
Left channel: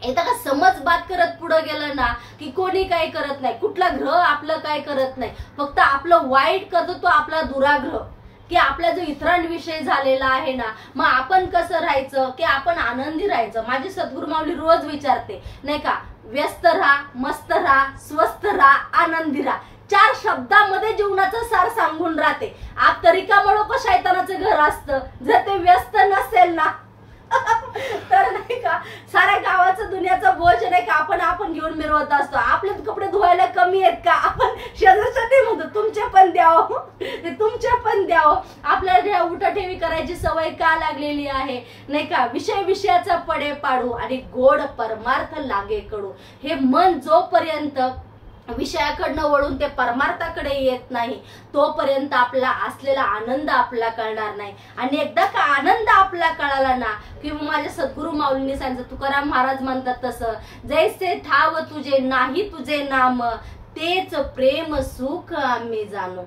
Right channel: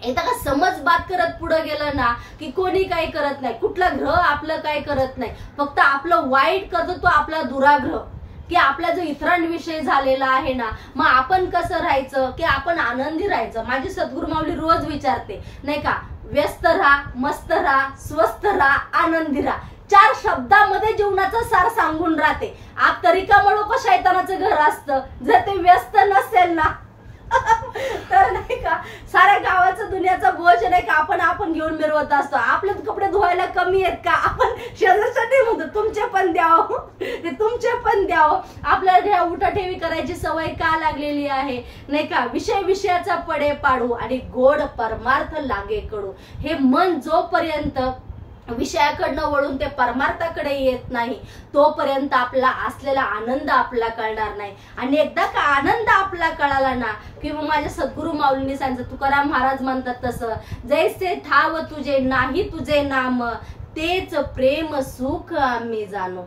एकदा का समज बात करत पुढे गेलं ना की कोणी काही करत नाही, कुठला ग्रह आपलं काय करत नाही, फक्त आपलं वाईट करतो तो आपला दुराग्रह, की आपला जो इतरांविषयी झालेला आहे ना, मग आपण कसं राहायचं की आपण आनंदी राहायचं. माझी सद्गुरू माऊली रोज विचारते नाही का, व्यस्त राहा, मस्त राहा, स्वस्थ राहा, आनंदी राहा. 4 शब्दामध्ये जीवनाचं सार सांगून राहते. आत तरिकामुळे का शैतानाचं घर असतं, जर ते व्यस्त नसेल ना तर नाही का साऱ्या गावाचं दुनियाचं बोज नाही का आपण घेऊन मिरवत असतो. आपले कपडे धुवायला कमी आहेत का, आपण शेजारसाठी म्हणतो तुमचे पण द्यावं, ते तुमचे पण द्यावं. आपल्याला उठाठेवी करायची सवय का लागलेली आहे नाही का, विषयाचा पडे पाडू आणि गोड परमार्थ लागे कडू. हे मन जोपर्यंत विषयाकडनं वळून ते परमार्थाकडे येत नाही तोपर्यंत आपला असलेला आनंद आपला कळणार नाही. आणि एकदा का आनंद आपला कळाला ना की माझ्या सद्गुरू माऊलींनी सांगितलं, तुकाराम महाराज म्हणतात तसं, जैसे ठाव तुझे नाही तुझे नाम, तेच प्रेम सुख आम्ही जाणो.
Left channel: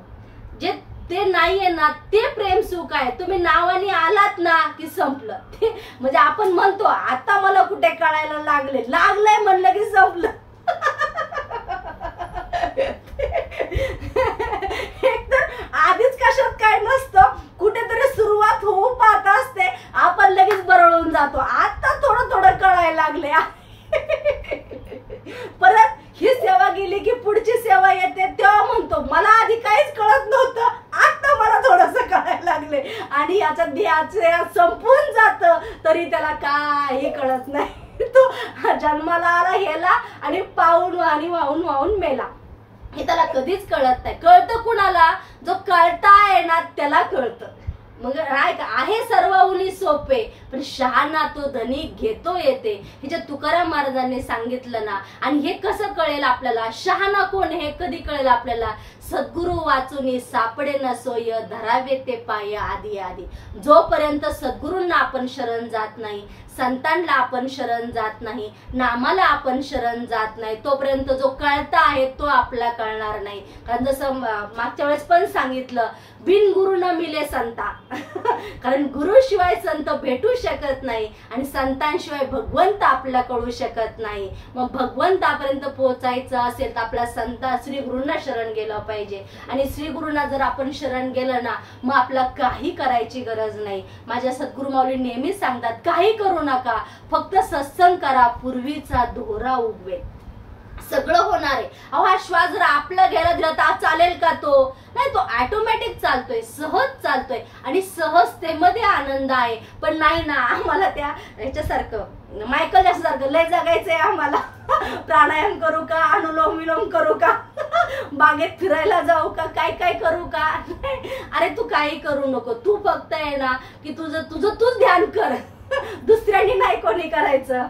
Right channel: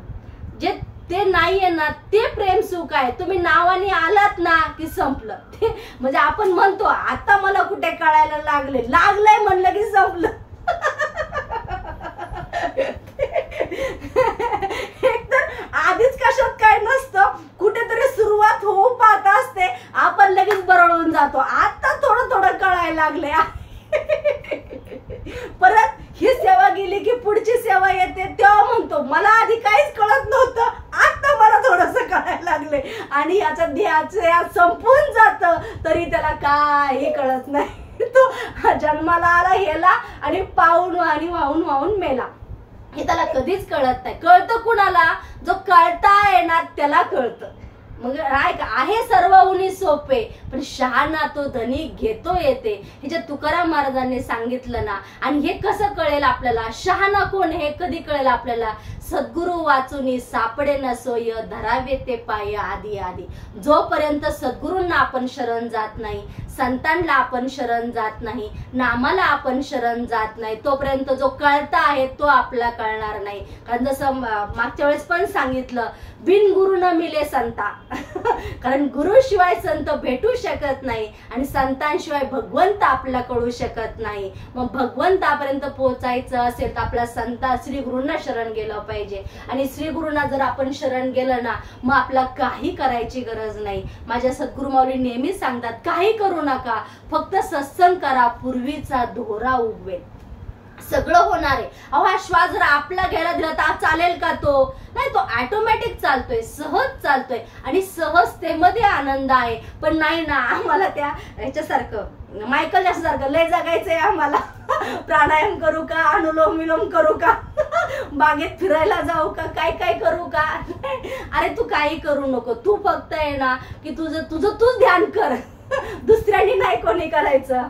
जे ते नाहीये ना ते प्रेम सुख आहे. तुम्ही नावाने आलात ना की संपलं ते. म्हणजे आपण म्हणतो आता मला कुठे कळायला लागलंय म्हणलं की संपलं. एकतर आधीच कशात काय नसतं, कुठेतरी सुरुवात होऊ पाहत असते, आपण लगेच बरळून जातो. आता थोडं थोडं कळायला लागले. परत ही सेवा गेली की पुढची सेवा येते, तेव्हा म्हणतो मला आधी काहीच कळत नव्हतं, आता मला थोडंसं कळायला लागले. आणि याचा ध्येय संपून जात तरी त्याला काही कळत नाही. तो जन्माला आला हेला आणि पाहून आणि वाहून मेला. हे त्याला कधीच कळत नाही. कळतं कुणाला, जो कळताय ना त्याला कळतं. मग आहे सर्व उनी सोपे, पण शहाणा तो धनी घेतो येते. हे जे तुकाराम महाराजांनी सांगितलं ना, आणि हे कसं कळेल आपल्याला, शहाणा कोण हे कधी कळेल आपल्याला, सद्गुरु वाचूनी सापडे न सोय, धरावे ते पाय आधी आधी. जोपर्यंत सद्गुरूंना आपण शरण जात नाही, संतांना आपण शरण जात नाही, नामाला आपण शरण जात नाही, तोपर्यंत जो कळता आहे तो आपला कळणार नाही. कारण जसं मागच्या वेळेस पण सांगितलं, बिन गुरु न मिले संता. कारण गुरु शिवाय संत भेटू शकत नाही आणि संतांशिवाय भगवंत आपला कळू शकत नाही. मग भगवंतापर्यंत पोहोचायचं असेल तर आपला संता श्री गुरूंना शरण गेलं पाहिजे. आणि श्री गुरूंना जर आपण शरण गेलं ना, मग आपला काही करायची गरज नाही. माझ्या सद्गुरू माऊली नेहमी सांगतात, काही करू नका, फक्त सत्संग करा, पूर्वीचा दोरा उगवेल, सगळं होणार आहे. अहो हा श्वास जर आपला घ्यायला दिला तर चालेल का? तो नाही, तो ऑटोमॅटिक चालतोय, सहज चालतोय आणि सहजतेमध्ये आनंद आहे. पण नाही ना, आम्हाला त्या ह्याच्यासारखं मायकल जॅक्सन सारखं लय जगायचंय आम्हाला. प्राणायाम करू का, अनुलोम विलोम करू का, बागेत फिरायला जाऊ का, काय काय करू का? अरे तू काही करू नको, तू फक्त आहे ना की तूच ध्यान कर, दुसऱ्यांनी नाही कोणी करायचं.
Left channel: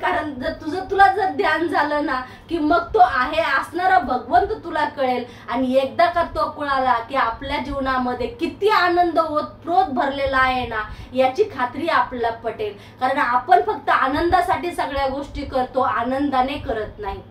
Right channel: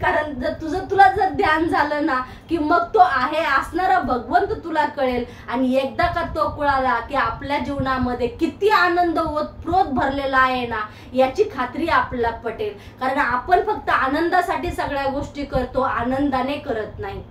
कारण जर तुला जर ध्यान झालं ना की मग तो आहे असणारा भगवंत तुला कळेल. आणि एकदा का तो कळाला की आपल्या जीवनामध्ये किती आनंद ओतप्रोत भरलेला आहे ना, याची खात्री आपल्याला पटेल. कारण आपण फक्त आनंदासाठी सगळ्या गोष्टी करतो, आनंदाने करत नाही.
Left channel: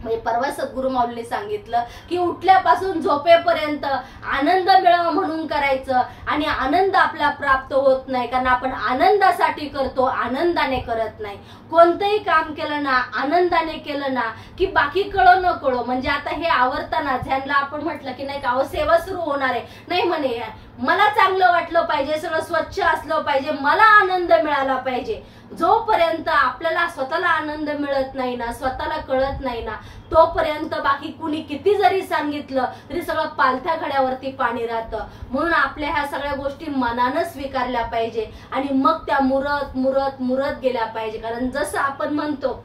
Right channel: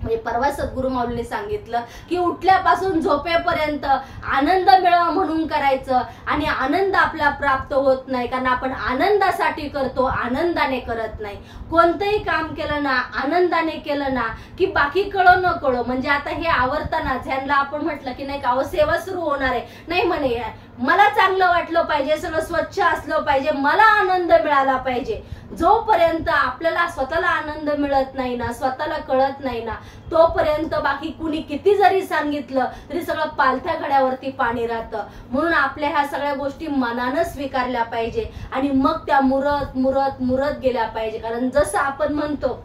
म्हणजे परवा सद्गुरू माऊलींनी सांगितलं की उठल्यापासून झोपेपर्यंत आनंद मिळावा म्हणून करायचं. आणि आनंद आपला प्राप्त होत नाही, कारण आपण आनंदासाठी करतो, आनंदाने करत नाही. कोणतंही काम केलं ना, आनंदाने केलं ना की बाकी कळो न कळो. म्हणजे आता हे आवरताना ज्यांना आपण म्हटलं की नाही का सेवा सुरू होणार आहे, नाही म्हणे मला चांगलं वाटलं पाहिजे, सगळं स्वच्छ असलं पाहिजे, मला आनंद मिळाला पाहिजे. जोपर्यंत आपल्याला स्वतःला आनंद मिळत नाही ना, स्वतःला कळत नाही ना, तोपर्यंत बाकी कुणी किती जरी सांगितलं तरी सगळं पालथ्या घड्यावरती पाणी राहतं. म्हणून आपल्या ह्या सगळ्या गोष्टी मनानं स्वीकारल्या पाहिजे आणि मग त्या मुरत मुरत मुरत गेल्या पाहिजे. कारण जसं आपण म्हणतो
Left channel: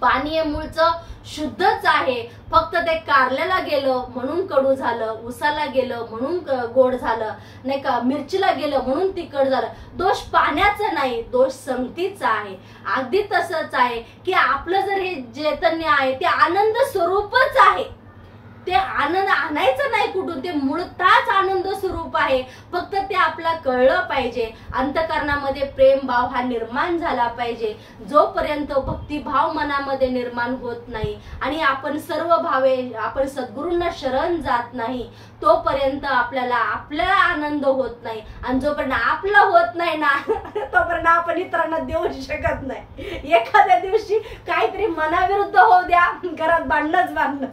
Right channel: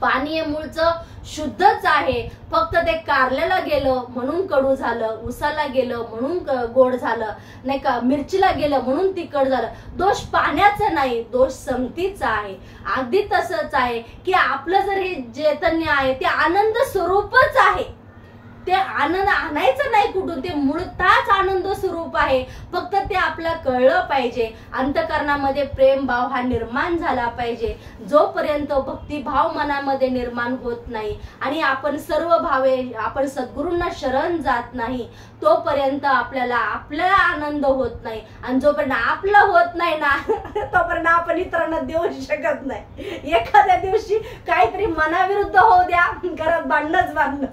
पाणी हे मूळचं शुद्धच आहे, फक्त ते कारल्याला गेलं म्हणून कडू झालं, उसाला गेलं म्हणून गोड झालं, नाही का मिरचीला गेलं म्हणून तिखट झालं. दोष पाण्याचा नाही, दोष संगतीचा आहे. अगदी तसंच आहे की आपलं जर हे चैतन्य आहे ते आनंद स्वरूपच आहे. ते आनंद आणायचं नाही कुठून, ते मूळतःच आनंद स्वरूप आहे. फक्त ते आपल्याला कळलं पाहिजे. अंतःकरणामध्ये प्रेम भाव हा निर्माण झाला पाहिजे. जोपर्यंत भक्तिभाव मनामध्ये निर्माण होत नाही आणि आपण सर्व भावे आपण सद्गुरूंना शरण जात नाही, तोपर्यंत आपल्याला आनंद होत नाही. आणि जोपर्यंत आपला होत नाही ना तोपर्यंत आपण इतरांना देऊ शकत नाही. एखाद्या दिवशी काहीतरी मनाविरुद्ध होऊ द्या, घरात भांडणच भांडणं,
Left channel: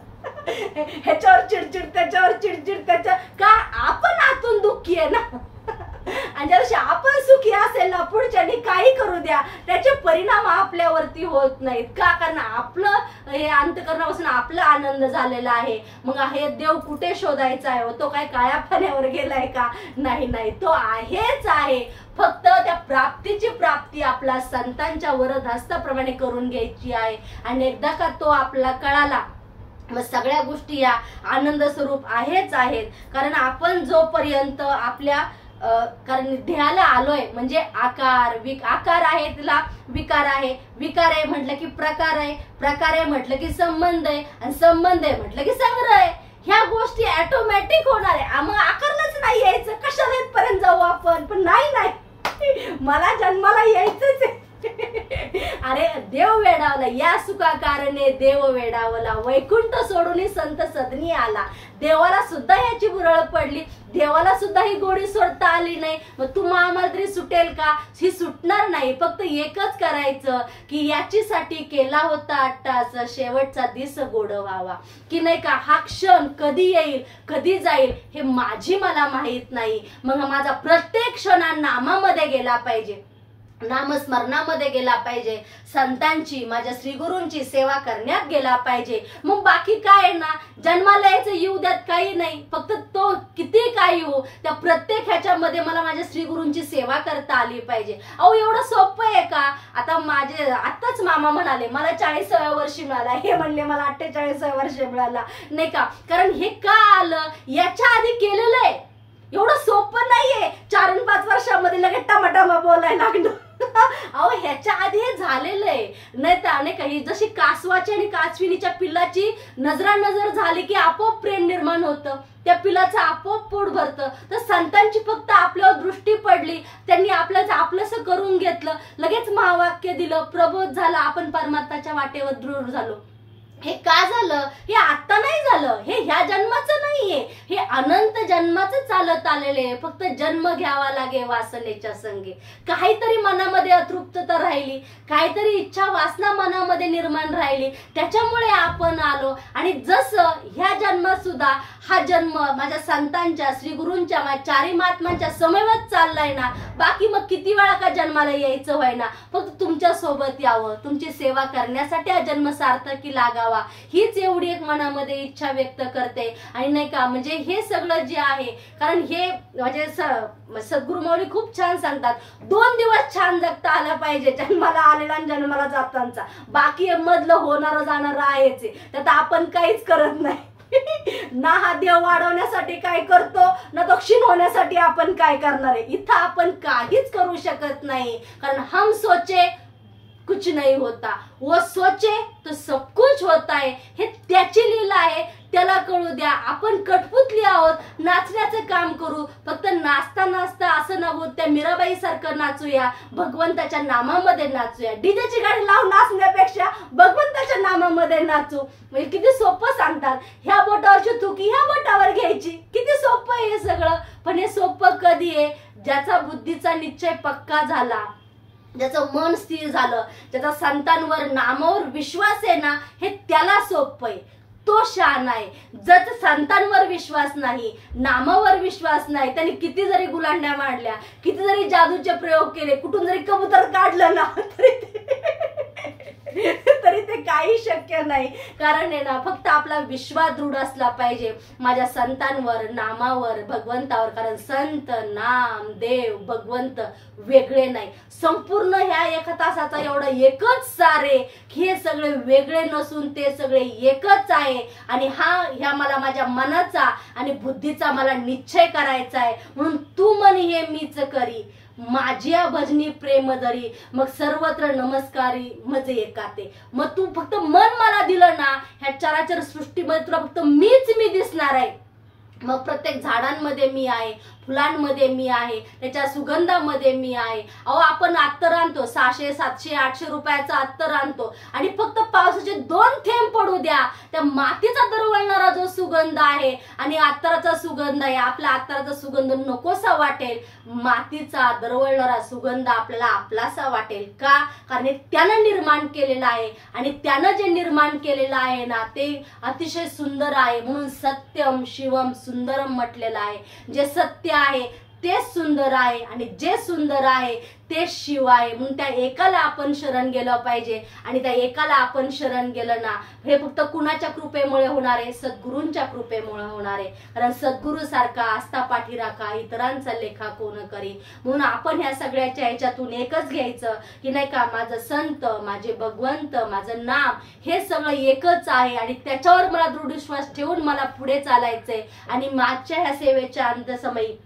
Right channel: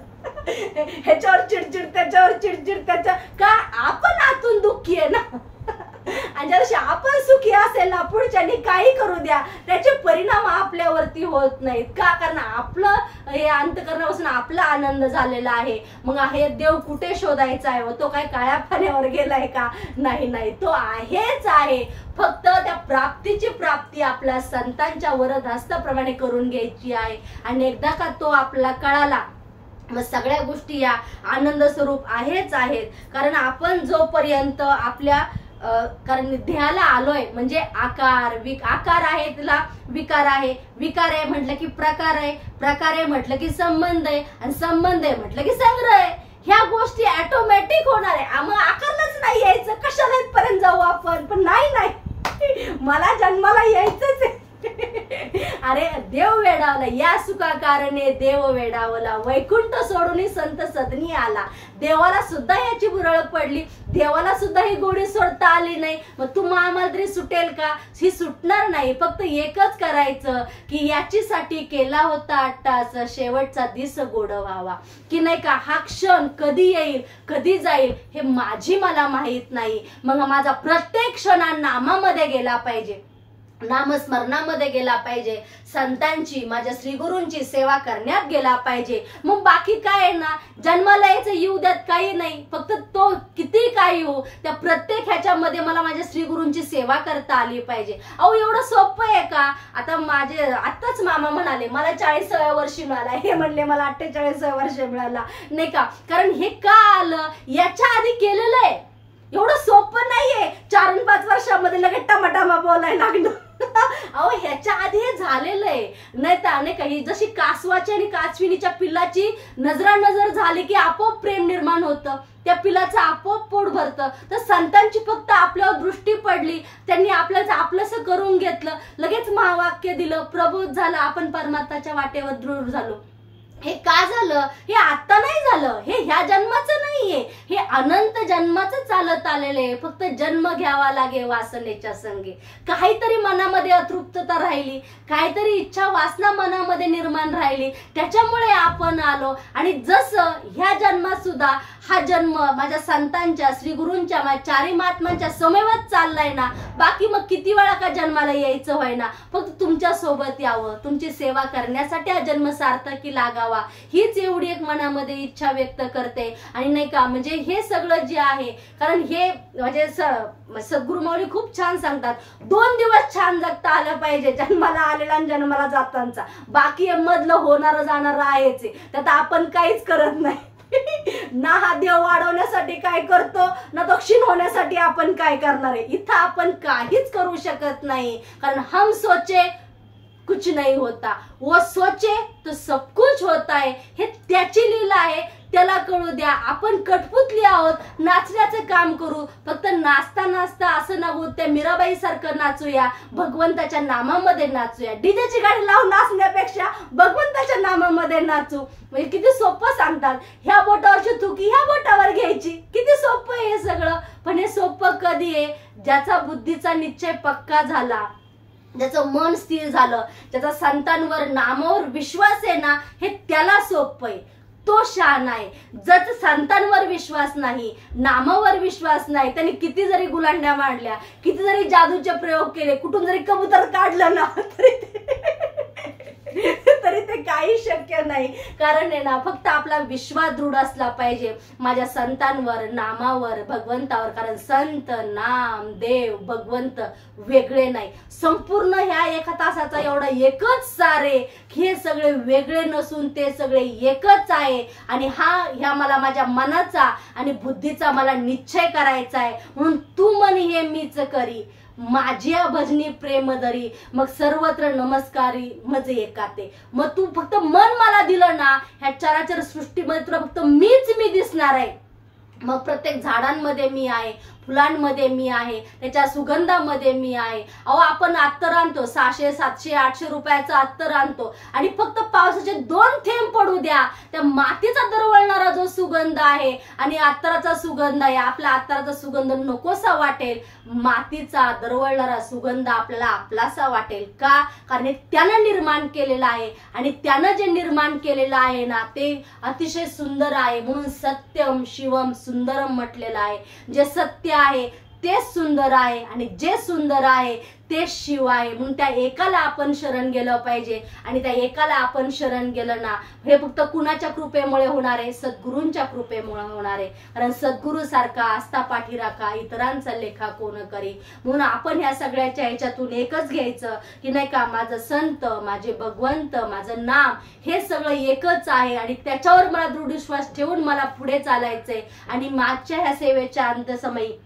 ह्याच्यावर चिडचिड त्याच्यावर चिडचिड त्याच्या का आपण आतून दुःखी आहे ना. आणि ज्या दिवशी आपण सुखी असेल ना, पुढच्यानी काही करू द्या, त्याचे परिणाम आपल्यावरती होत नाहीत. का? कारण आपलं हे अंतःकरणापासून आपला आनंद झालेला आहे. मग हे देव कुठे शोधायचा आहे? तो काय काळ्या पाण्यावर गेलाय का? नाही, तो आहेच आहे. फक्त त्या प्राप्तीची प्राप्ती आपल्या संतांच्या वरदहस्ताप्रमाणे करून घ्यायची आहे. आणि एकदा का तो आपला कळाला, मग सगळ्या गोष्टी या आनंद स्वरूप आहेच आहेत. कारण आपण जोपर्यंत आपल्या कारण ध्येयाला आलोय, म्हणजे आकार आहे, तिला विकार आहे, विकार आहे म्हटलं की प्रकार आहे, प्रकार आहे म्हटलं की संबंध आहे, आणि संबंध आहे म्हटलं की संग्रह आहे. ह्या गोष्टी ऑटोमॅटिक होणार आहे. मग आकारलाच नाही यायचं, कशाला इथपर्यंत जाऊ आपण? पण नाही मला जन्माला यायचंच आहे. अरे देव वेडावला, या सुखा कारणे देव वेडावला, वैकुंठ सोडून संत सदनी आला. देवाला सुद्धा याची बुरळ पडली, देवाला सुद्धा ही गोडी सोडता आली नाही. मग तुम्हा आम्हाला तरी सुटेल का? ही सुटणार नाही. फक्त एकच करायचं की याचीसाठी केला होता अट्टास, शेवटचा दिस गोड व्हावा. की नाही का, हा क्षण कधी येईल कधी जाईल हे मला माहित नाही. मग माझा प्रत्येक क्षण नामामध्ये गेला पाहिजे, नामस्मरणामध्ये गेला पाहिजे, संतांची माझ्या श्रीगुरूंची सेवा करण्यात गेला पाहिजे. मग बाकी काय आहे ना, जन्माला यायचं येऊ द्यात, काही नाही. फक्त तो किती काही हो, त्या प्रत्येक ह्याच्यामध्ये मला माझ्या श्रीगुरूंची सेवा करता आली पाहिजे. अहो एवढं सोपं आहे का? आता माझे आत्ताच मामा म्हणाले मला 40व्या वर्षी मिळाला, हे म्हणले मला 48व्या वर्षी मिळाला, नाही का? कारण हे का आलं, याच्या आधी केलेलं आहे. एवढं सोपं नाहीये 4-5 वर्षामध्ये लगेच टमाटामा बोलायला लागलं. अहो ह्याच्या आधी हे झालेलं आहे. नाही तर अनेक ही जशी कासवाची आणि कासविनीच्या पिल्लाची नजरानजर झाली की आपोआप प्रेम निर्माण होतं, त्या पिलाचं आपोआप पोट भरतं. तर संतांची फक्त आपल्यावर दृष्टी पडली, त्यांनी आपल्याच आपलंसं करून घेतलं, लगेच महावाक्य दिलं, प्रबोध झाला, आपण परमार्थाच्या वाटेवर दृढ झालो. हे का झालं? हे आता नाही झालं, हे ह्या जन्माचं नाहीये, हे अनंत जन्माचं चालत आलेले आहे. फक्त जन्म घ्यावा लागे वासनेच्या संगे. काहीतरी मनामध्ये अतृप्तता राहिली, काहीतरी इच्छा वासना मनामध्ये निर्माण राहिली, त्याच्यामुळे आपण आलो. आणि जसं ह्या जन्मात सुद्धा हा जन्म माझ्या संतांच्या श्रीगुरूंच्या चारी महात्मांच्या समवेत चाललाय ना, बाकी मग किती वेळा का जन्माला यायचं व्हाय ना, फक्त तुमच्या सोबत यावं, तुमची सेवा करण्यासाठी हा जन्म सार्थकी लागावा, हीच एवढी एक मनामध्ये इच्छा व्यक्त करते. आणि नाही का, म्हणजे हे सगळं जे आहे, कारण हे म्हणजे सद्गुरु माऊली खूप छान सांगतात, 2 दिवस छान जगता आलं पाहिजे, जन्माला आलेला आणि जन्माला जातांचा. बाकी मधलं होणारं जाणारं आहेच, त्यात आपण काहीच करत नाही. ना हा देव वाढवण्यासाठी काय करतो, ना तो क्षीण होण्यासाठी आपण काय करणार आहे. इथं आपण काहीच करू शकत नाही. कारण हम सोचे कुछ नहीं होता, वो सोचे तो सब कुछ होता है. हे त्याची लीला आहे, त्याला कळू द्या. आपण कठपुतली आहोत, नाचण्याचं काम करू. फक्त नाचता नाचता असं ना होत त्या मीराबाई सारखं नाचूया, भगवंताच्या नामामध्ये नाचूया. डीजेची गाडी लावून नाचण्यापेक्षा भगवंताच्या नामामध्ये नाचू. म्हणजे किती सोपं सांगतात, ह्या बोटावरची थुकी ह्या बोटावर घ्यायची. किती सोपं आहे हे सगळं. पण हे सोपं कधी आहे? ज्याचा बुद्धीचा निश्चय पक्का झाला, ज्याचं मन स्थिर झालं, ज्याचा संतांवर नामावर विश्वास आहे ना, हे त्याला सोपं आहे, तो शहाणा आहे. ज्याचा संतांवर विश्वास नाही, नामावर विश्वास नाही, त्यांनी किती जरी गुलांड्या मांडल्या, किती जरी जादूचे प्रयोग केले, कुठून जरी कबूतर काढलं ना, तरी ते काही शक्य नाही. कारण आहे ना, फक्त आपला विश्वास दृढ असला पाहिजे माझ्या संतांवर, नामावर, भगवंतावर. कारण संत, नाम, देव, भगवंत वेगळे नाही. संपूर्ण ह्या 1 तासाचा एवढा एकच सारे, हे सगळे वेगळे नसून ते सगळे एकच आहे. आणि ह्या मला माझ्या मनाचा आणि बुद्धीचा मला निश्चय करायचा आहे. म्हणून तू म्हण हे मीच करी, माझ्या भजनी प्रेम दरी, मग सर्वत्र नमस्कारी मजे एकाते. मग तू फक्त मन मला दिलं ना, ह्या चराचर सृष्टीमध्ये तुला फक्त मी दिसणार आहे. मग प्रत्येक झाडांमध्ये मी आहे, फुलांमध्ये मी आहे, त्याच्या सुगंधामध्ये मी आहे. अहो आपण अत्तर आणतो 600 700 800 रुपयाचा अत्तर आणतो आणि फक्त पावसाचे 2 थेंब पडू द्या, त्या मातीचा दरवळणारा जो सुगंध आहे आणि अत्तराचा सुगंध आहे, आपला अत्तराचा सुगंध नकोसा वाटेल, मातीचा दरवळणारा सुगंध आपल्याला आपलासा वाटेल. का? कारण त्यानं निर्माण केलेला आहे आणि त्यानं जे निर्माण केलेलं आहे ना ते अतिशय सुंदर आहे. म्हणून सत्यम शिवम सुंदरम म्हटलेलं आहे. जे सत्य आहे ते सुंदर आहे आणि जे सुंदर आहे ते शिव आहे. म्हणून त्या एकाला आपण शरण गेलं पाहिजे आणि त्या एकाला आपण शरण गेलं ना, हे फक्त कुणाच्या कृपेमुळे होणार आहे? सद्गुरूंच्या कृपेमुळे होणार आहे. कारण सद्गुरू सारखा आस्था पाठी राखा, इतरांचा लेखा कोण करी. म्हणून आपण ह्या सगळ्याच्या ह्याच्यातून एकच घ्यायचं की नाही का, माझं संत, माझे भगवंत, माझं नाम हे सगळं एकच आहे आणि त्याच्यावर मला दृढ विश्वास ठेवून मला पुढे चालायचंय. आणि मागच्या ह्या सेवेच्या अंतसमयी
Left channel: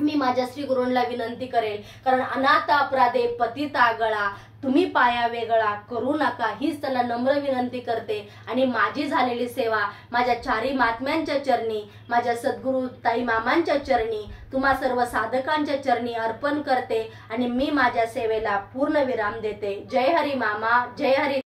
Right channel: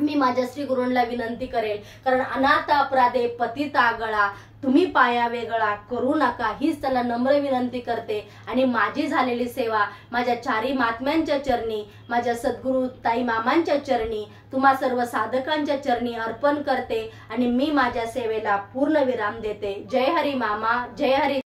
मी माझ्या श्री गुरूंना विनंती करेल, कारण अनाथ अपराधे पतित आगळा, तुम्ही पाया वेगळा करू नका, हीच त्याला नम्र विनंती करते. आणि माझी झालेली सेवा माझ्या चारी महात्म्यांच्या चरणी, माझ्या सद्गुरू ताई मामांच्या चरणी, तुम्हा सर्व साधकांच्या चरणी अर्पण करते आणि मी माझ्या सेवेला पूर्ण विराम देते. जय हरी मामा, जय हरी.